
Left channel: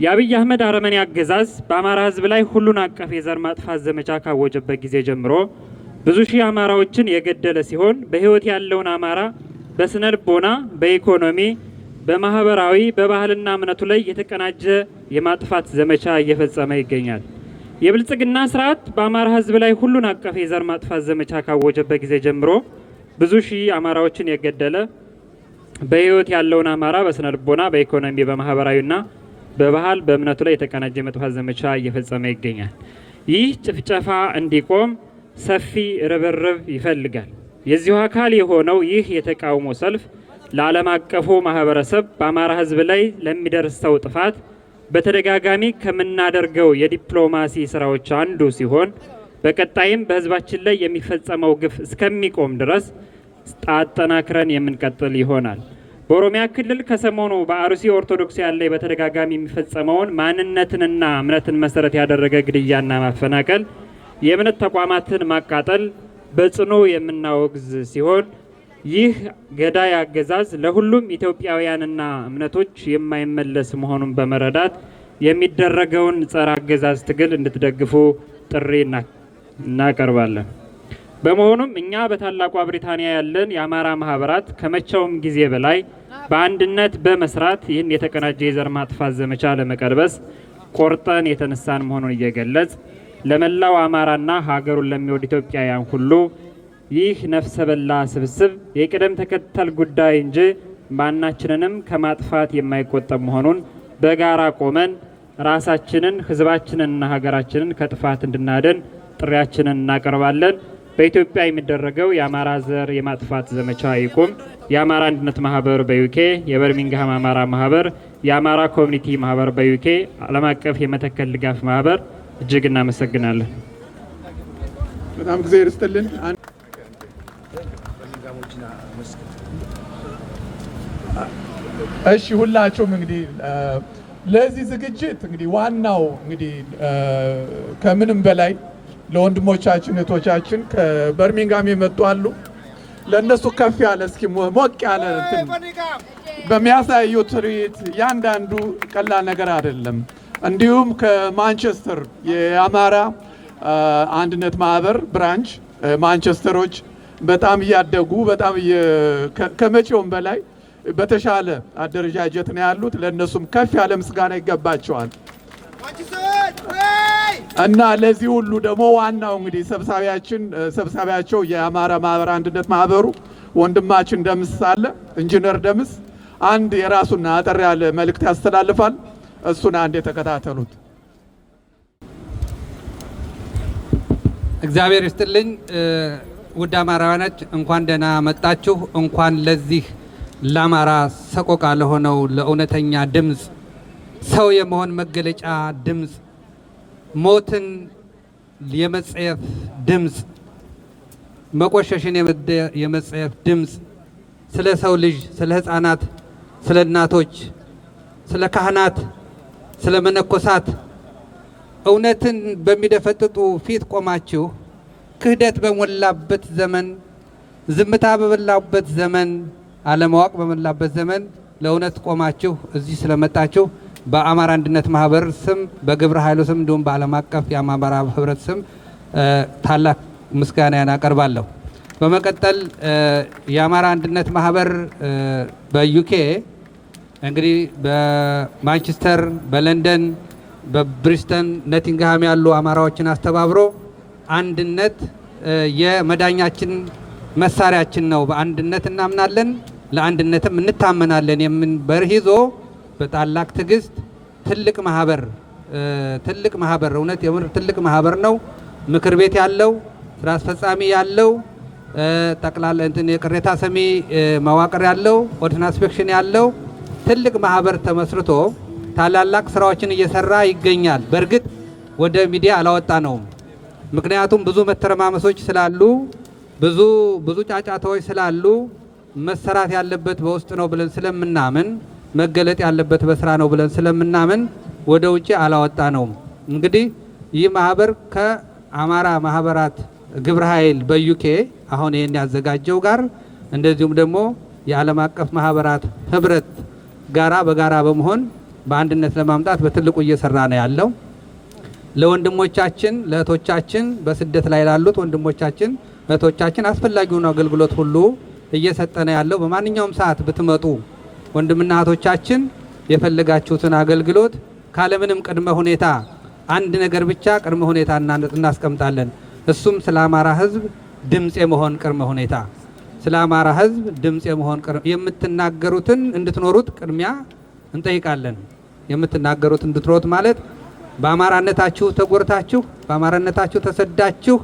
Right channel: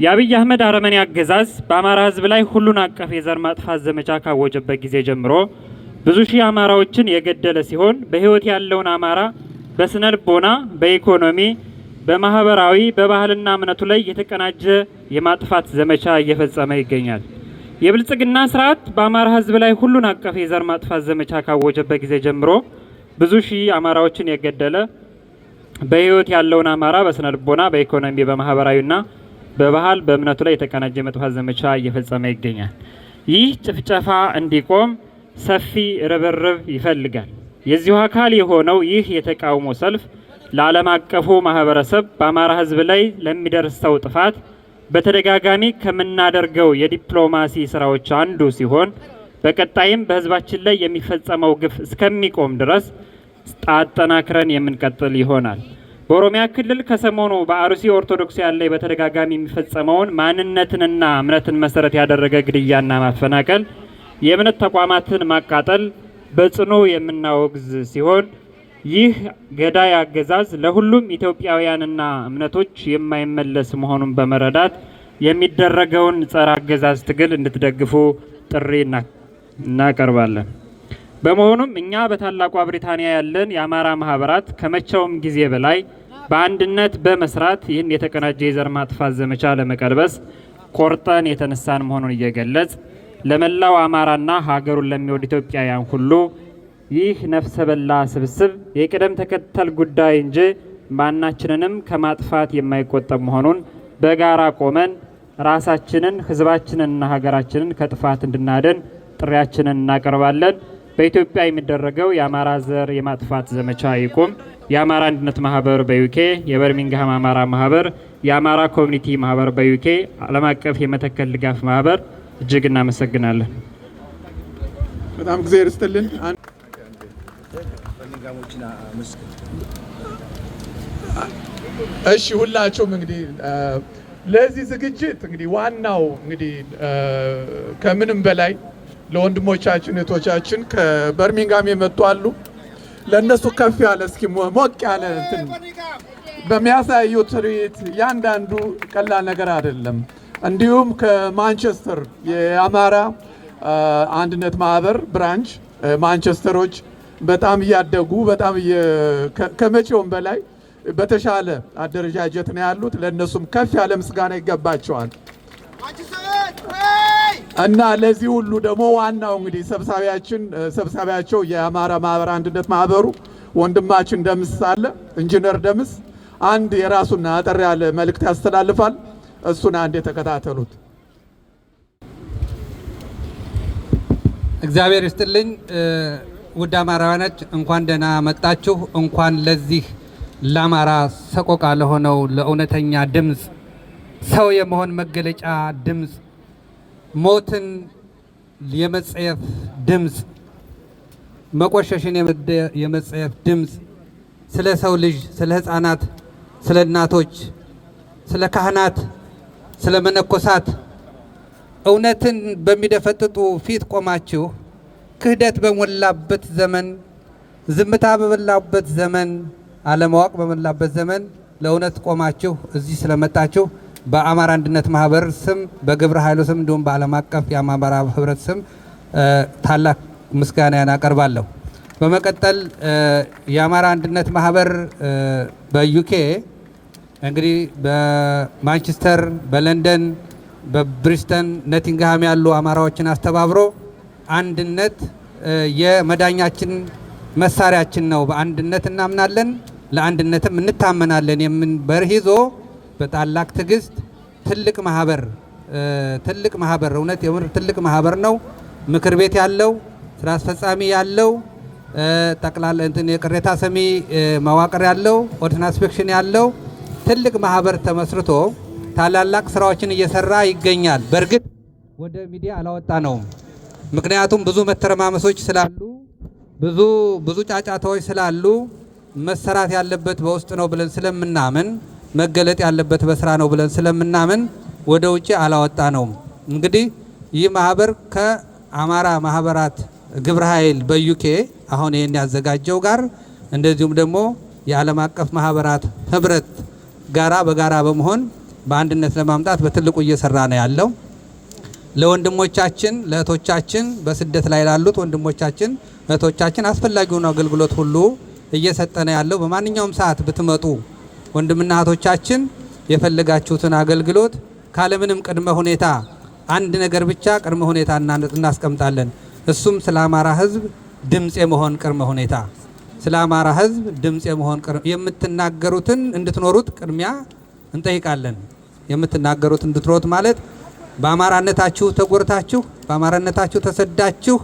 የአብይ አህመድ አረመኔ አገዛዝ በአማራ ህዝብ ላይ ሁሉን አቀፍ የዘር ማጥፋት ዘመቻ ካወጀበት ጊዜ ጀምሮ ብዙ ሺህ አማራዎችን የገደለ ሲሆን በህይወት ያለውን አማራ በስነ ልቦና፣ በኢኮኖሚ፣ በማህበራዊ፣ በባህልና እምነቱ ላይ የተቀናጀ የማጥፋት ዘመቻ እየፈጸመ ይገኛል። የብልጽግና ስርዓት በአማራ ህዝብ ላይ ሁሉን አቀፍ የዘር ማጥፋት ዘመቻ ካወጀበት ጊዜ ጀምሮ ብዙ ሺህ አማራዎችን የገደለ በህይወት ያለውን አማራ በስነ ልቦና፣ በኢኮኖሚ፣ በማህበራዊና በባህል በእምነቱ ላይ የተቀናጀ የማጥፋት ዘመቻ እየፈጸመ ይገኛል። ይህ ጭፍጨፋ እንዲቆም ሰፊ ርብርብ ይፈልጋል። የዚሁ አካል የሆነው ይህ የተቃውሞ ሰልፍ ለዓለም አቀፉ ማህበረሰብ በአማራ ህዝብ ላይ ለሚደርሰው ጥፋት በተደጋጋሚ ከምናደርገው የዲፕሎማሲ ስራዎች አንዱ ሲሆን በቀጣይም በህዝባችን ላይ የሚፈጸመው ግፍ እስከሚቆም ድረስ አጠናክረን የምንቀጥል ይሆናል። በኦሮሚያ ክልል ከሰሞኑ በአርሲ ኦርቶዶክስ ያለ በተደጋጋሚ የሚፈጸመውን ማንነትንና እምነትን መሰረት ያደረገ ግድያና ማፈናቀል፣ የእምነት ተቋማትን ማቃጠል በጽኑ የምናወግዝ ሲሆን ይህ ገዳይ አገዛዝ ለሁሉም ኢትዮጵያውያንና እምነቶች የማይመለስ መሆኑን በመረዳት የሚደረገውን ጸረ አገዛዝ ትግል እንድትደግፉ ጥሪ እናቀርባለን። በመሆኑም እኛ በታላቋ ብሪታንያ ያለን የአማራ ማህበራት ከመቼውም ጊዜ በላይ በአንድነት በመስራት ይህን የተቀናጀ የዘር ማጥፋት ዘመቻ ለመቀልበስ ቆርጠን የተነሳን መሆኑን እየገለጽ ለመላው አማራና ሀገሩን ለሚወድ ኢትዮጵያውያን ሁሉ ይህ ነፍሰ በላ ስብስብ የቅደም ተከተል ጉዳይ እንጂ ማናችንንም ከማጥፋት የማይቆጠብ መሆኑን በጋራ ቆመን ራሳችንን፣ ህዝባችንንና ሀገራችንን ከጥፋት እንድናድን ጥሪያችንን እናቀርባለን። በኢትዮጵያ የሚደረገው የአማራ ዘር የማጥፋት ዘመቻ ይቁም። የአማራ አንድነት ማህበር በዩኬ፣ የበርሚንግሃም አማራ ማህበር፣ የአማራ ኮሚኒቲ ማህበር በዩኬ፣ ዓለም አቀፍ የመተከል ድጋፍ ማህበር እጅግ እናመሰግናለን። በጣም ጊዜ ይስጥልን። እሺ ሁላችሁም እንግዲህ ለዚህ ዝግጅት እንግዲህ ዋናው እንግዲህ ከምንም በላይ ለወንድሞቻችን እህቶቻችን ከበርሚንጋም የመጡ አሉ። ለነሱ ከፍ ያለ እስኪ ሞቅ ያለ በሚያሳዩ ትርኢት ያንዳንዱ ቀላል ነገር አይደለም። እንዲሁም ከማንቸስተር የአማራ አንድነት ማህበር ብራንች ማንቸስተሮች በጣም እያደጉ በጣም ከመቼውም በላይ በተሻለ አደረጃጀት ነው ያሉት። ለነሱም ከፍ ያለ ምስጋና ይገባቸዋል። እና ለዚህ ሁሉ ደግሞ ዋናው እንግዲህ ሰብሳቢያቸው የአማራ ማህበር አንድነት ማህበሩ ወንድማችን ደምስ አለ። ኢንጂነር ደምስ አንድ የራሱን አጠር ያለ መልእክት ያስተላልፋል። እሱን አንድ የተከታተሉት። እግዚአብሔር ይስጥልኝ። ውድ አማራውያኖች እንኳን ደህና መጣችሁ። እንኳን ለዚህ ለአማራ ሰቆቃ ለሆነው ለእውነተኛ ድምፅ፣ ሰው የመሆን መገለጫ ድምፅ፣ ሞትን የመጸየፍ ድምፅ፣ መቆሸሽን የመጸየፍ ድምፅ፣ ስለ ሰው ልጅ፣ ስለ ህፃናት፣ ስለ እናቶች፣ ስለ ካህናት፣ ስለ መነኮሳት እውነትን በሚደፈጥጡ ፊት ቆማችሁ ክህደት በሞላበት ዘመን ዝምታ በመላበት ዘመን፣ አለማወቅ በመላበት ዘመን ለእውነት ቆማችሁ እዚህ ስለመጣችሁ በአማራ አንድነት ማህበር ስም በግብረ ኃይሉ ስም እንዲሁም በዓለም አቀፍ የአማራ ህብረት ስም ታላቅ ምስጋናን አቀርባለሁ። በመቀጠል የአማራ አንድነት ማህበር በዩኬ እንግዲህ በማንቸስተር፣ በለንደን፣ በብሪስተን፣ ኖቲንግሃም ያሉ አማራዎችን አስተባብሮ አንድነት የመዳኛችን መሳሪያችን ነው፣ በአንድነት እናምናለን፣ ለአንድነትም እንታመናለን የምን በርህ ይዞ በታላቅ ትዕግስት ትልቅ ማህበር እውነት የምር ትልቅ ማህበር ነው። ምክር ቤት ያለው፣ ስራ አስፈጻሚ ያለው፣ ጠቅላላ እንትን የቅሬታ ሰሚ መዋቅር ያለው፣ ኦዲት ኢንስፔክሽን ያለው ትልቅ ማህበር ተመስርቶ ታላላቅ ስራዎችን እየሰራ ይገኛል። በእርግጥ ወደ ሚዲያ አላወጣ ነው። ምክንያቱም ብዙ መተረማመሶች ስላሉ፣ ብዙ ጫጫታዎች ስላሉ መሰራት ያለበት በውስጥ ነው ብለን ስለምናምን፣ መገለጥ ያለበት በስራ ነው ብለን ስለምናምን ወደ ውጪ አላወጣ ነው። እንግዲህ ይህ ማህበር ከአማራ ማህበራት ግብረ ኃይል በዩኬ አሁን ይሄን ያዘጋጀው ጋር እንደዚሁም ደግሞ የዓለም አቀፍ ማህበራት ህብረት ጋራ በጋራ በመሆን በአንድነት ለማምጣት በትልቁ እየሰራ ነው ያለው። ለወንድሞቻችን ለእህቶቻችን በስደት ላይ ላሉት ወንድሞቻችን እህቶቻችን አስፈላጊውን አገልግሎት ሁሉ እየሰጠ ነው ያለው። በማንኛውም ሰዓት ብትመጡ ወንድምና እህቶቻችን የፈለጋችሁትን አገልግሎት ካለምንም ቅድመ ሁኔታ አንድ ነገር ብቻ ቅድመ ሁኔታ እናስቀምጣለን። እሱም ስለ አማራ ህዝብ ድምጽ የመሆን ቅድመ ሁኔታ፣ ስለ አማራ ህዝብ ድምጽ የመሆን የምትናገሩትን እንድትኖሩት ቅድሚያ እንጠይቃለን። የምትናገሩት እንድትኖሩት ማለት በአማራነታችሁ ተጎርታችሁ በአማራነታችሁ ተሰዳችሁ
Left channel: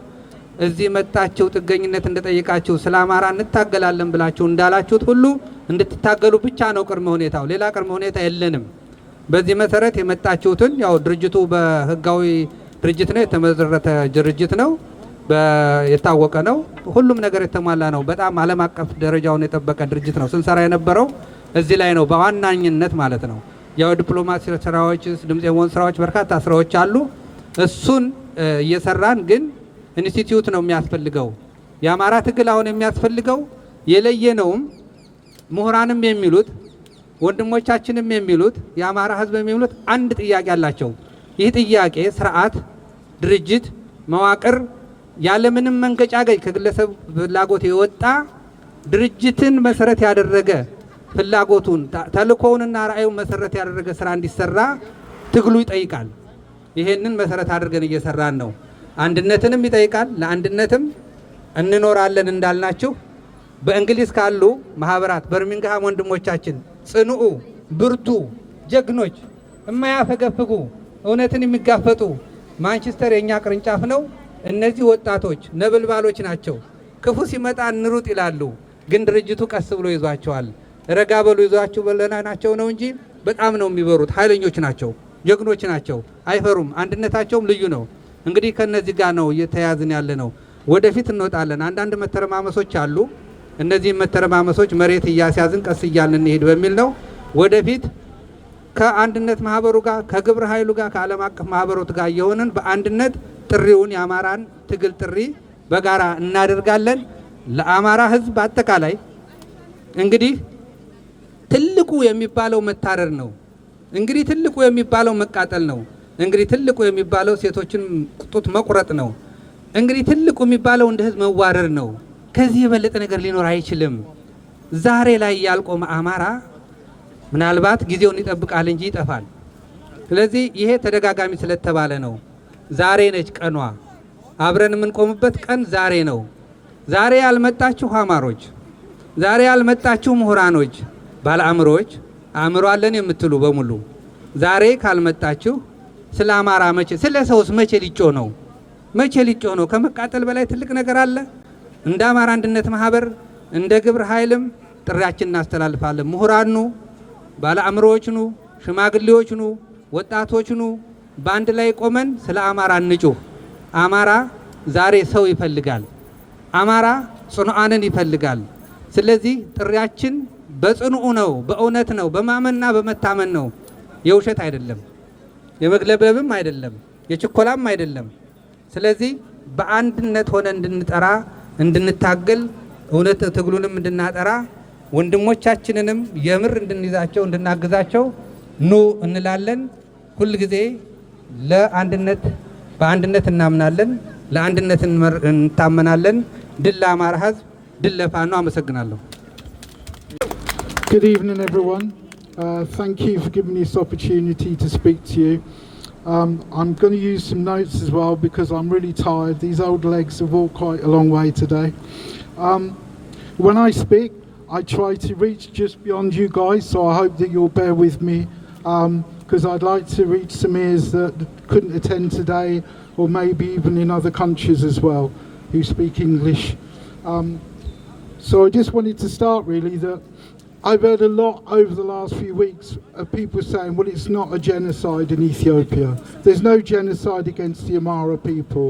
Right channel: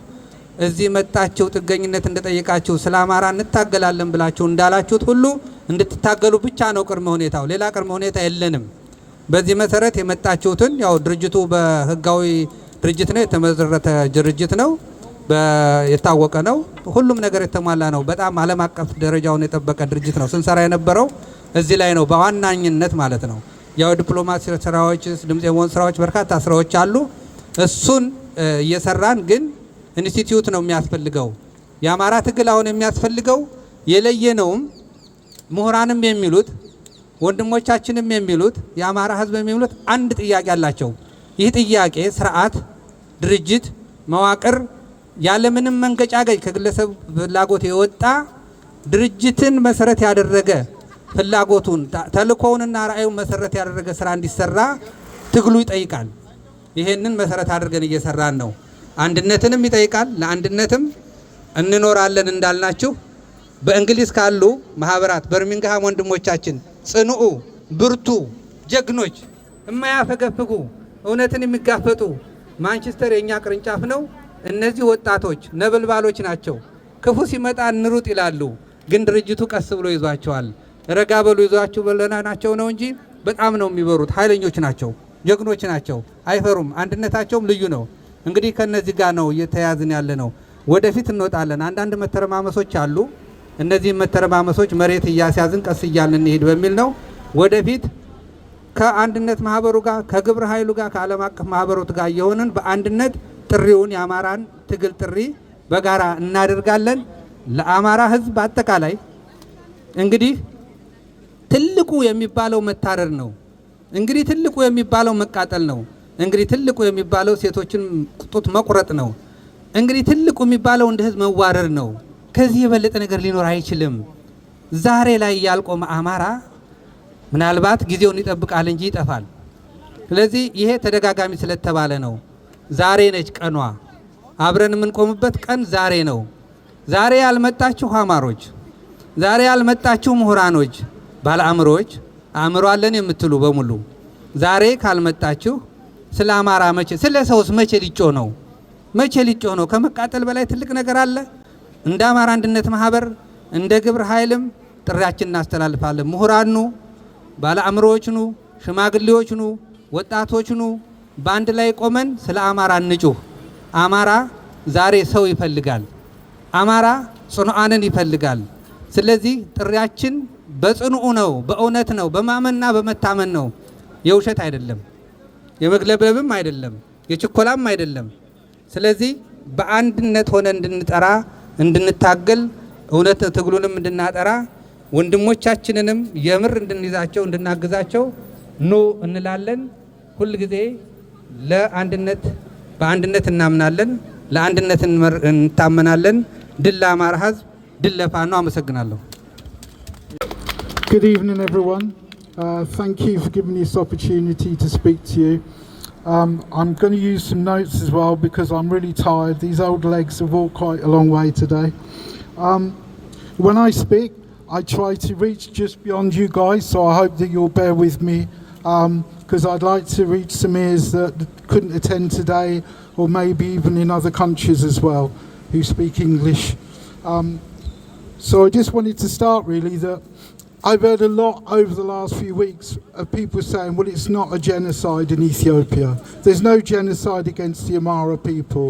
እዚህ መጣችሁ ጥገኝነት እንደጠየቃችሁ ስለ አማራ እንታገላለን ብላችሁ እንዳላችሁት ሁሉ እንድትታገሉ ብቻ ነው ቅድመ ሁኔታው። ሌላ ቅድመ ሁኔታ የለንም። በዚህ መሰረት የመጣችሁትን ያው ድርጅቱ በህጋዊ ድርጅት ነው፣ የተመሰረተ ድርጅት ነው፣ የታወቀ ነው፣ ሁሉም ነገር የተሟላ ነው። በጣም ዓለም አቀፍ ደረጃውን የጠበቀ ድርጅት ነው። ስንሰራ የነበረው እዚህ ላይ ነው በዋናኝነት ማለት ነው። ያው ዲፕሎማሲ ስራዎች፣ ድምጽ የመሆን ስራዎች፣ በርካታ ስራዎች አሉ። እሱን እየሰራን ግን ኢንስቲትዩት ነው የሚያስፈልገው። የአማራ ትግል አሁን የሚያስፈልገው የለየነውም ምሁራንም የሚሉት ወንድሞቻችንም የሚሉት የአማራ ህዝብ የሚሉት አንድ ጥያቄ አላቸው። ይህ ጥያቄ ስርዓት፣ ድርጅት፣ መዋቅር ያለምንም መንገጫገጭ ከግለሰብ ፍላጎት የወጣ ድርጅትን መሰረት ያደረገ ፍላጎቱን ተልእኮውንና ራእዩን መሰረት ያደረገ ስራ እንዲሰራ ትግሉ ይጠይቃል። ይሄንን መሰረት አድርገን እየሰራን ነው። አንድነትንም ይጠይቃል። ለአንድነትም እንኖራለን እንዳልናችሁ በእንግሊዝ ካሉ ማህበራት በርሚንግሃም ወንድሞቻችን ጽኑዑ፣ ብርቱ፣ ጀግኖች፣ የማያፈገፍጉ እውነትን የሚጋፈጡ ማንቸስተር የኛ ቅርንጫፍ ነው። እነዚህ ወጣቶች ነበልባሎች ናቸው። ክፉ ሲመጣ እንሩጥ ይላሉ፣ ግን ድርጅቱ ቀስ ብሎ ይዟቸዋል። ረጋ በሉ ይዟቸው በለና ናቸው ነው እንጂ በጣም ነው የሚበሩት። ኃይለኞች ናቸው፣ ጀግኖች ናቸው፣ አይፈሩም። አንድነታቸውም ልዩ ነው። እንግዲህ ከነዚህ ጋር ነው እየተያዝን ያለ ነው። ወደፊት እንወጣለን። አንዳንድ መተረማመሶች አሉ። እነዚህ መተረማመሶች መሬት እያስያዝን ቀስ እያልን እንሄድ በሚል ነው። ወደፊት ከአንድነት ማህበሩ ጋር ከግብረ ኃይሉ ጋር ከዓለም አቀፍ ማህበሩት ጋር የሆንን በአንድነት ጥሪውን የአማራን ትግል ጥሪ በጋራ እናደርጋለን። ለአማራ ህዝብ አጠቃላይ እንግዲህ ትልቁ የሚባለው መታረር ነው። እንግዲህ ትልቁ የሚባለው መቃጠል ነው። እንግዲህ ትልቁ የሚባለው ሴቶችን ጡት መቁረጥ ነው። እንግዲህ ትልቁ የሚባለው እንደ ህዝብ መዋረድ ነው። ከዚህ የበለጠ ነገር ሊኖር አይችልም። ዛሬ ላይ ያልቆመ አማራ ምናልባት ጊዜውን ይጠብቃል እንጂ ይጠፋል። ስለዚህ ይሄ ተደጋጋሚ ስለተባለ ነው። ዛሬ ነች ቀኗ። አብረን የምንቆምበት ቀን ዛሬ ነው። ዛሬ ያልመጣችሁ አማሮች፣ ዛሬ ያልመጣችሁ ምሁራኖች፣ ባለአእምሮች፣ አእምሮ አለን የምትሉ በሙሉ ዛሬ ካልመጣችሁ ስለ አማራ መቼ ስለ ሰውስ መቼ ሊጮህ ነው? መቼ ሊጮህ ነው? ከመቃጠል በላይ ትልቅ ነገር አለ? እንደ አማራ አንድነት ማህበር እንደ ግብረ ኃይልም ጥሪያችን እናስተላልፋለን። ምሁራን ኑ፣ ባለአእምሮዎች ኑ፣ ሽማግሌዎች ኑ፣ ወጣቶች ኑ፣ በአንድ ላይ ቆመን ስለ አማራ እንጩህ። አማራ ዛሬ ሰው ይፈልጋል። አማራ ጽኑዓንን ይፈልጋል። ስለዚህ ጥሪያችን በጽኑዕ ነው፣ በእውነት ነው፣ በማመንና በመታመን ነው። የውሸት አይደለም፣ የመግለብለብም አይደለም፣ የችኮላም አይደለም። ስለዚህ በአንድነት ሆነ እንድንጠራ እንድንታገል እውነት ትግሉንም እንድናጠራ ወንድሞቻችንንም የምር እንድንይዛቸው እንድናግዛቸው ኑ እንላለን። ሁል ጊዜ ለአንድነት በአንድነት እናምናለን፣ ለአንድነት እንታመናለን። ድል ለአማራ ሕዝብ፣ ድል ለፋኖ። አመሰግናለሁ። Good evening, everyone. Thank you for giving me this opportunity to speak to you. I'm going to use some notes as well because I'm really tired. These old legs have walked quite a long way today. When I speak, I try to reach just beyond you guys, so I hope that you'll bear with me because I'd like to reach some ears that couldn't attend today, or maybe even in other countries as well who speak English. So I just wanted to start really that I've heard a lot over the last few weeks of people saying, well, it's not a genocide in Ethiopia. There's no genocide against the Amhara people.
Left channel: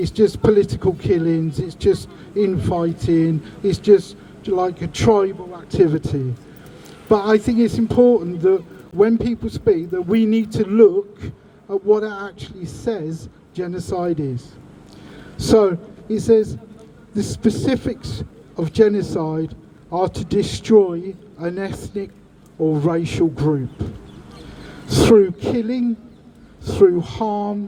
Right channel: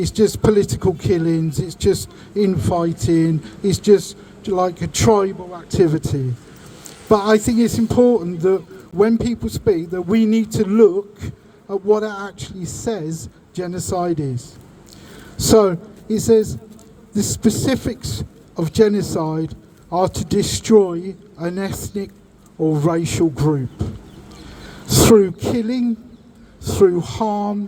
It's just political killings. It's just infighting. It's just like a tribal activity. But I think it's important that when people speak that we need to look at what it actually says genocide is. So it says the specifics of genocide are to destroy an ethnic or racial group through killing, through harm,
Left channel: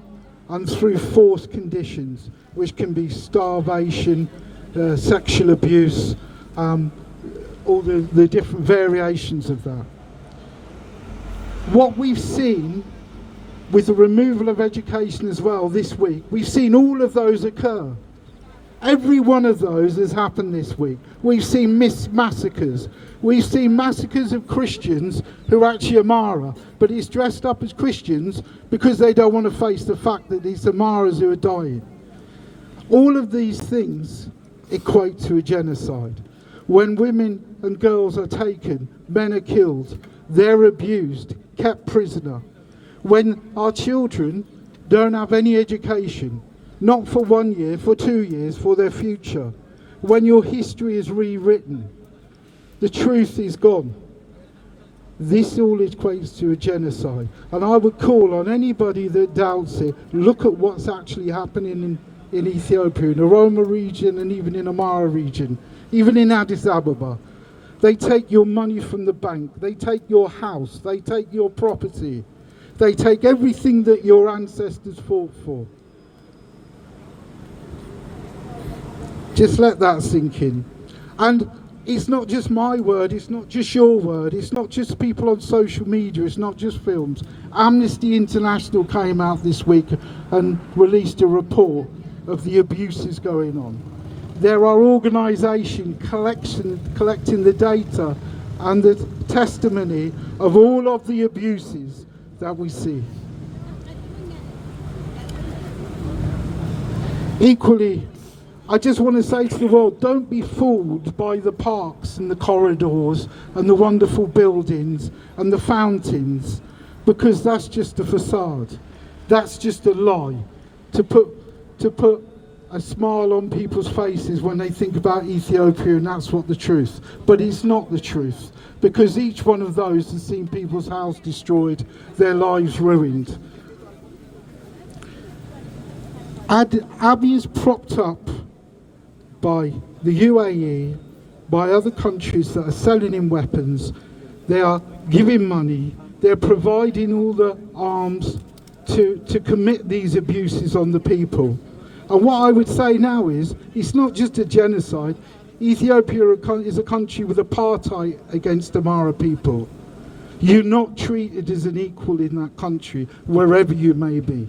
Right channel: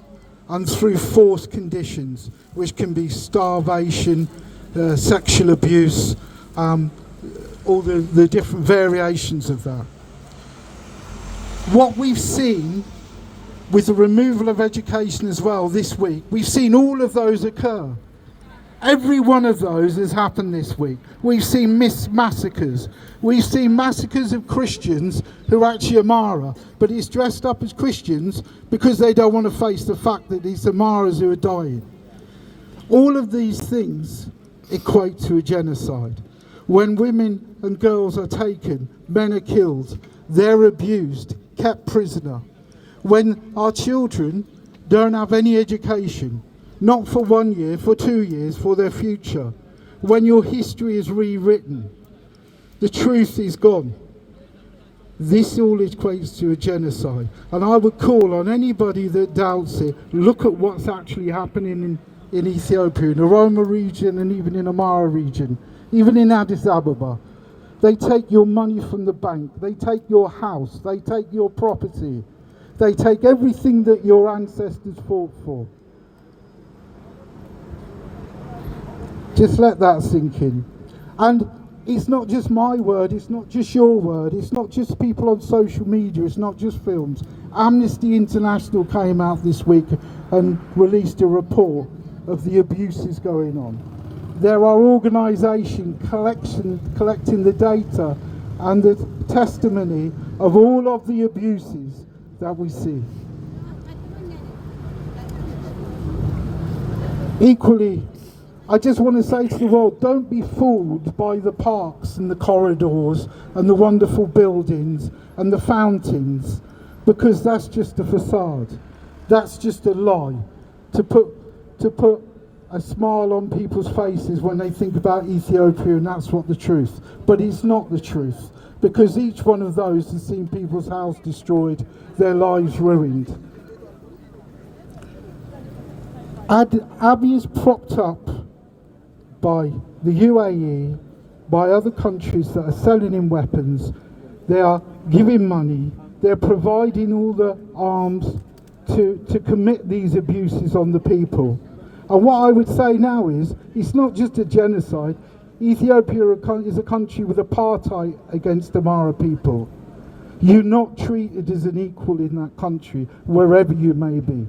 and through forced conditions, which can be starvation, sexual abuse, all the different variations of that. What we've seen with the removal of education as well this week, we've seen all of those occur. Every one of those has happened this week. We've seen massacres. We've seen massacres of Christians who are actually Amhara, but it's dressed up as Christians because they don't want to face the fact that it's Amharas who are dying. All of these things equate to a genocide. When women and girls are taken, men are killed, they're abused, kept prisoner. When our children don't have any education, not for 1 year, for 2 years, for their future. When your history is rewritten, the truth is gone. This all equates to a genocide. And I would call on anybody that doubts it, look at what's actually happening in Ethiopia, in the Oroma region and even in Amhara region, even in Addis Ababa. They take your money from the bank, they take your house, they take your property, they take everything that your ancestors fought for. Just let that sink in. And it's not just my word, it's not just your word, it's not just people on social media, it's not just films. Amnesty International came out this week and released a report of the abuses going on. There are organisations collecting the data and the testimony of all of the abuses that we see. Equally, I just want to say to the world, don't be fooled by the parks and the corridors and the wonderful buildings and the fountains, because that's just a facade. That's just a lie to put a smile on people's faces when they think about Ethiopia, and that's what the truth. But it's not the truth, because each one of those has seen people's houses destroyed, their lives ruined. Abiy is propped up by the UAE, by other countries that are selling him weapons. They are giving money, they're providing all the arms to commit these abuses on the people. And what I would say now is, it's not just a genocide. Ethiopia is a country with apartheid against Amhara people. You're not treated as an equal in that country, wherever you may be.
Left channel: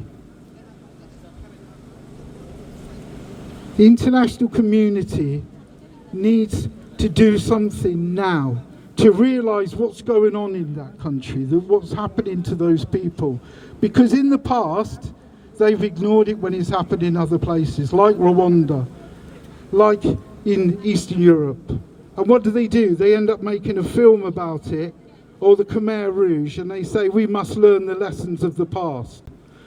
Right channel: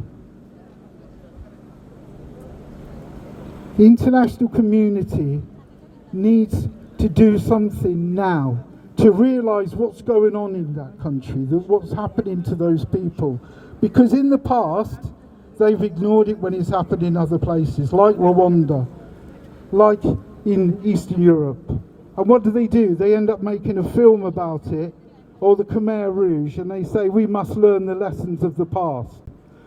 The international community needs to do something now to realise what's going on in that country, what's happening to those people. Because in the past, they've ignored it when it's happened in other places, like Rwanda, like in Eastern Europe. And what do? They end up making a film about it, or the Khmer Rouge, and they say we must learn the lessons of the past.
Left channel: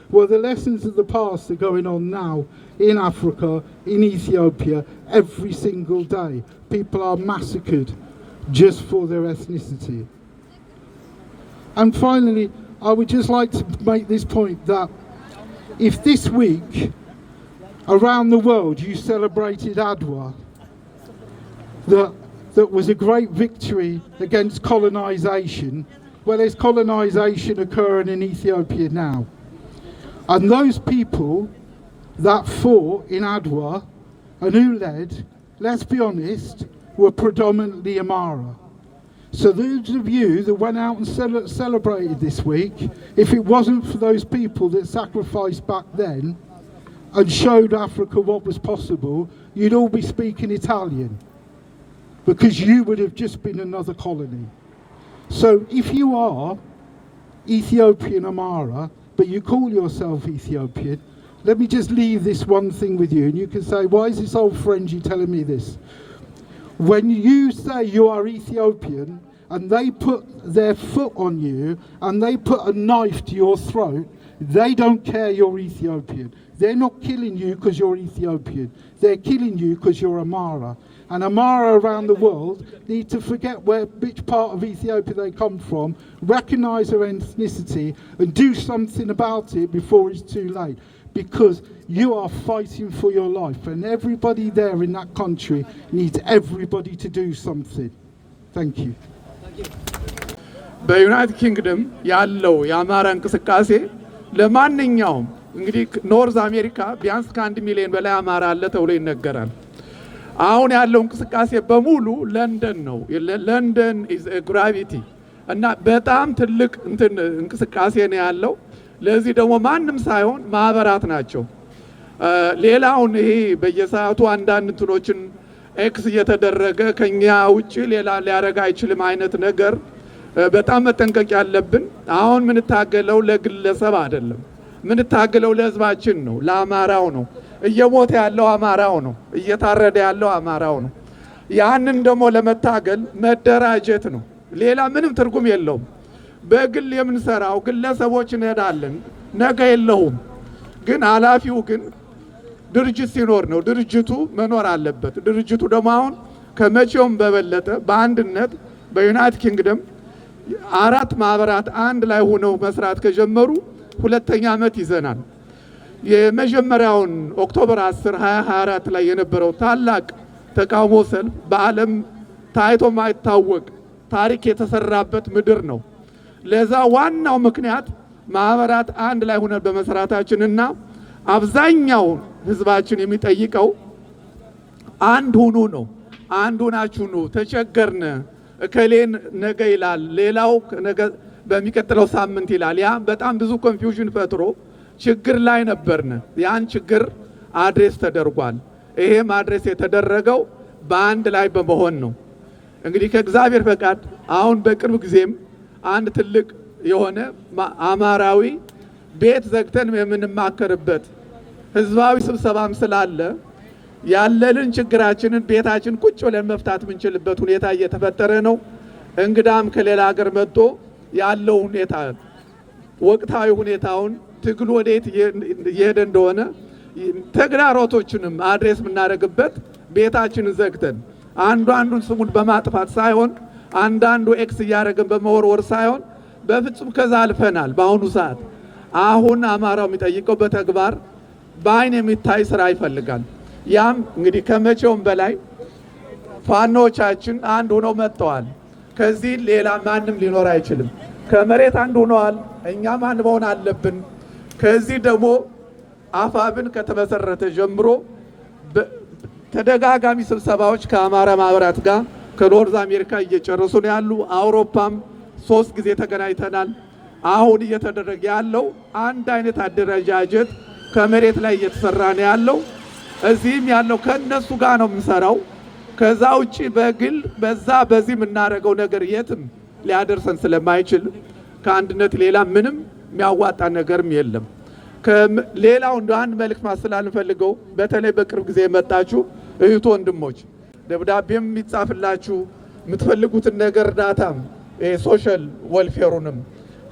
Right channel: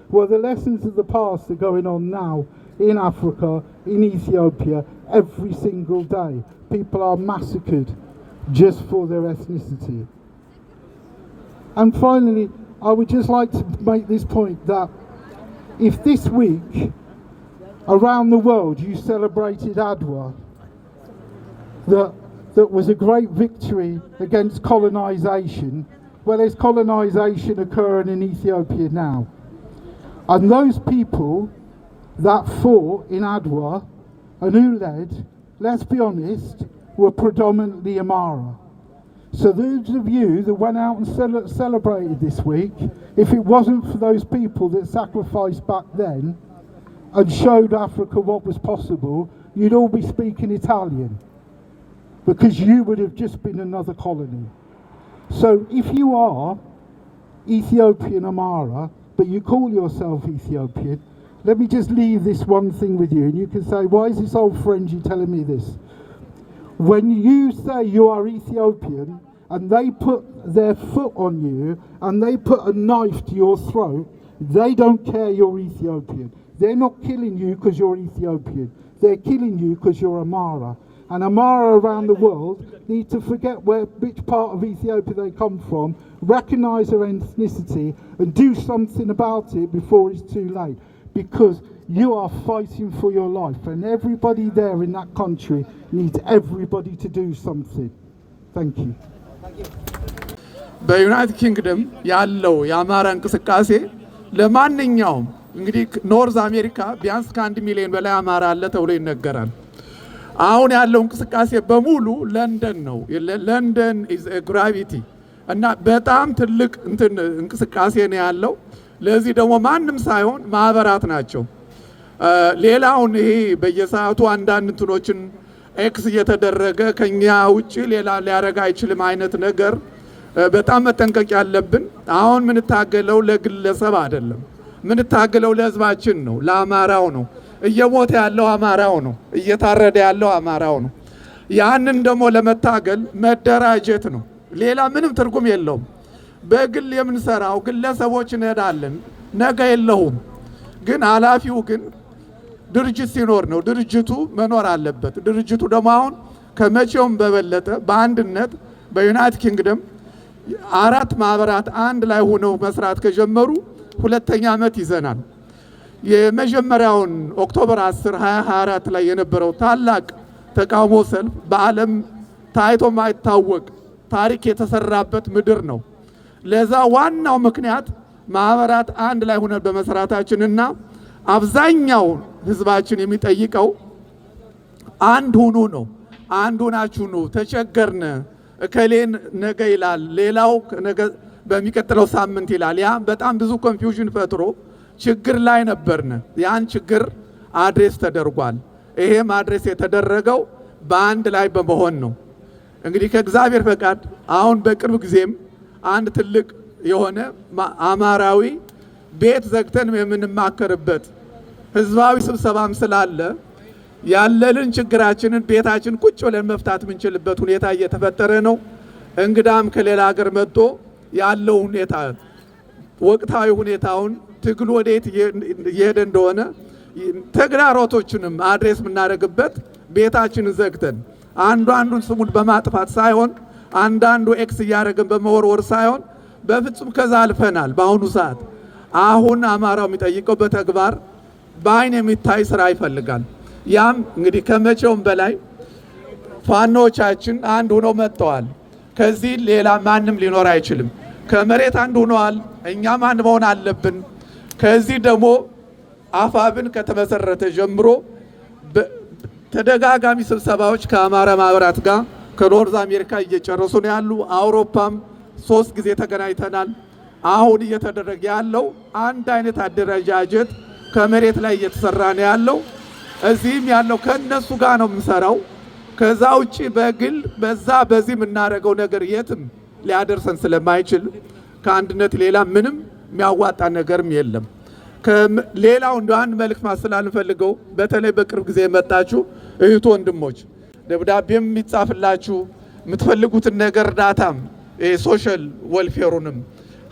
Well, the lessons of the past are going on now in Africa, in Ethiopia, every single day. People are massacred just for their ethnicity. And finally, I would just like to make this point that if this week around the world you celebrated Adwa, that was a great victory against colonization. Well, there's colonization occurring in Ethiopia now. And those people that fought in Adwa and who led, let's be honest, were predominantly Amara. So those of you that went out and celebrated this week, if it wasn't for those people that sacrificed back then and showed Africa what was possible, you'd all be speaking Italian, because you would have just been another colony. So if you are Ethiopian Amara, but you call yourself Ethiopian, let me just leave this one thing with you, and you can say, why is this old Frenchie telling me this? When you say you are Ethiopian and they put their foot on you and they put a knife to your throat, they don't care you're Ethiopian. They're not killing you because you're Ethiopian. They're killing you because you're Amara. And Amara around the world need to forget which part of Ethiopia they come from, recognise their ethnicity and do something about it before it's too late. Because you are fighting for your life, and everybody there in that country needs everybody to do something. Thank you. በዩናይትድ ኪንግደም ያለው የአማራ እንቅስቃሴ ለማንኛውም እንግዲህ ኖርዝ አሜሪካ ቢያንስ ከ1 ሚሊዮን በላይ አማራ አለ ተብሎ ይነገራል። አሁን ያለው እንቅስቃሴ በሙሉ ለንደን ነው። ለንደን ኢዝ ኤ ግራቪቲ እና በጣም ትልቅ እንቅስቃሴ ነው ያለው። ለዚህ ደግሞ ማንም ሳይሆን ማህበራት ናቸው። ሌላውን ይሄ በየሰዓቱ አንዳንድ እንትኖችን ኤክስ እየተደረገ ከኛ ውጪ ሌላ ሊያረጋ አይችልም አይነት ነገር በጣም መጠንቀቅ ያለብን። አሁን ምን ታገለው ለግለሰብ አይደለም፣ ምን ታገለው ለህዝባችን ነው፣ ለአማራው ነው። እየሞተ ያለው አማራው ነው፣ እየታረደ ያለው አማራው ነው። ያንን ደግሞ ለመታገል መደራጀት ነው። ሌላ ምንም ትርጉም የለውም። በግል የምንሰራው ግለሰቦች እንሄዳለን፣ ነገ የለውም። ግን ኃላፊው ግን ድርጅት ሲኖር ነው። ድርጅቱ መኖር አለበት። ድርጅቱ ደግሞ አሁን ከመቼውም በበለጠ በአንድነት በዩናይትድ ኪንግደም 4 ማህበራት አንድ ላይ ሆነው መስራት ከጀመሩ 2ኛ ዓመት ይዘናል። የመጀመሪያውን ኦክቶበር 10 2024 ላይ የነበረው ታላቅ ተቃውሞ ሰልፍ በዓለም ታይቶ ማይታወቅ ታሪክ የተሰራበት ምድር ነው። ለዛ ዋናው ምክንያት ማህበራት አንድ ላይ ሆነን በመስራታችንና አብዛኛው ህዝባችን የሚጠይቀው አንድ ሁኑ ነው። አንድ ሆናችሁ ነው። ተቸገርነ እከሌን ነገ ይላል፣ ሌላው ነገ በሚቀጥለው ሳምንት ይላል። ያ በጣም ብዙ ኮንፊውዥን ፈጥሮ ችግር ላይ ነበርነ። ያን ችግር አድሬስ ተደርጓል። ይሄም አድሬስ የተደረገው በአንድ ላይ በመሆን ነው። እንግዲህ ከእግዚአብሔር ፈቃድ አሁን በቅርብ ጊዜም አንድ ትልቅ የሆነ አማራዊ ቤት ዘግተን የምንማከርበት ህዝባዊ ስብሰባም ስላለ ያለልን ችግራችንን ቤታችን ቁጭ ብለን መፍታት የምንችልበት ሁኔታ እየተፈጠረ ነው። እንግዳም ከሌላ ሀገር መጥቶ ያለው ሁኔታ ወቅታዊ ሁኔታውን ትግሉ ወዴት እየሄደ እንደሆነ ተግዳሮቶችንም አድሬስ የምናደርግበት ቤታችንን ዘግተን አንዱን ስሙን በማጥፋት ሳይሆን አንዳንዱ ኤክስ እያደረገን በመወርወር ሳይሆን በፍጹም ከዛ አልፈናል። በአሁኑ ሰዓት አሁን አማራው የሚጠይቀው በተግባር በአይን የሚታይ ስራ ይፈልጋል። ያም እንግዲህ ከመቼውም በላይ ፋኖቻችን አንድ ሆነው መጥተዋል። ከዚህ ሌላ ማንም ሊኖር አይችልም። ከመሬት አንድ ሆነዋል። እኛም አንድ መሆን አለብን። ከዚህ ደግሞ አፋብን ከተመሰረተ ጀምሮ ተደጋጋሚ ስብሰባዎች ከአማራ ማህበራት ጋር ከኖርዝ አሜሪካ እየጨረሱ ነው ያሉ። አውሮፓም 3 ጊዜ ተገናኝተናል። አሁን እየተደረገ ያለው አንድ አይነት አደረጃጀት ከመሬት ላይ እየተሰራ ነው ያለው። እዚህም ያለው ከነሱ ጋር ነው የምንሰራው። ከዛ ውጪ በግል በዚህ የምናደርገው ነገር የትም ሊያደርሰን ስለማይችል ከአንድነት ሌላ ምንም የሚያዋጣ ነገርም የለም። ሌላው እንደ አንድ መልእክት ማስተላለፍ ፈልገው በተለይ በቅርብ ጊዜ የመጣችሁ እህት ወንድሞች፣ ደብዳቤም የሚጻፍላችሁ የምትፈልጉትን ነገር እርዳታም ሶሻል ወልፌሩንም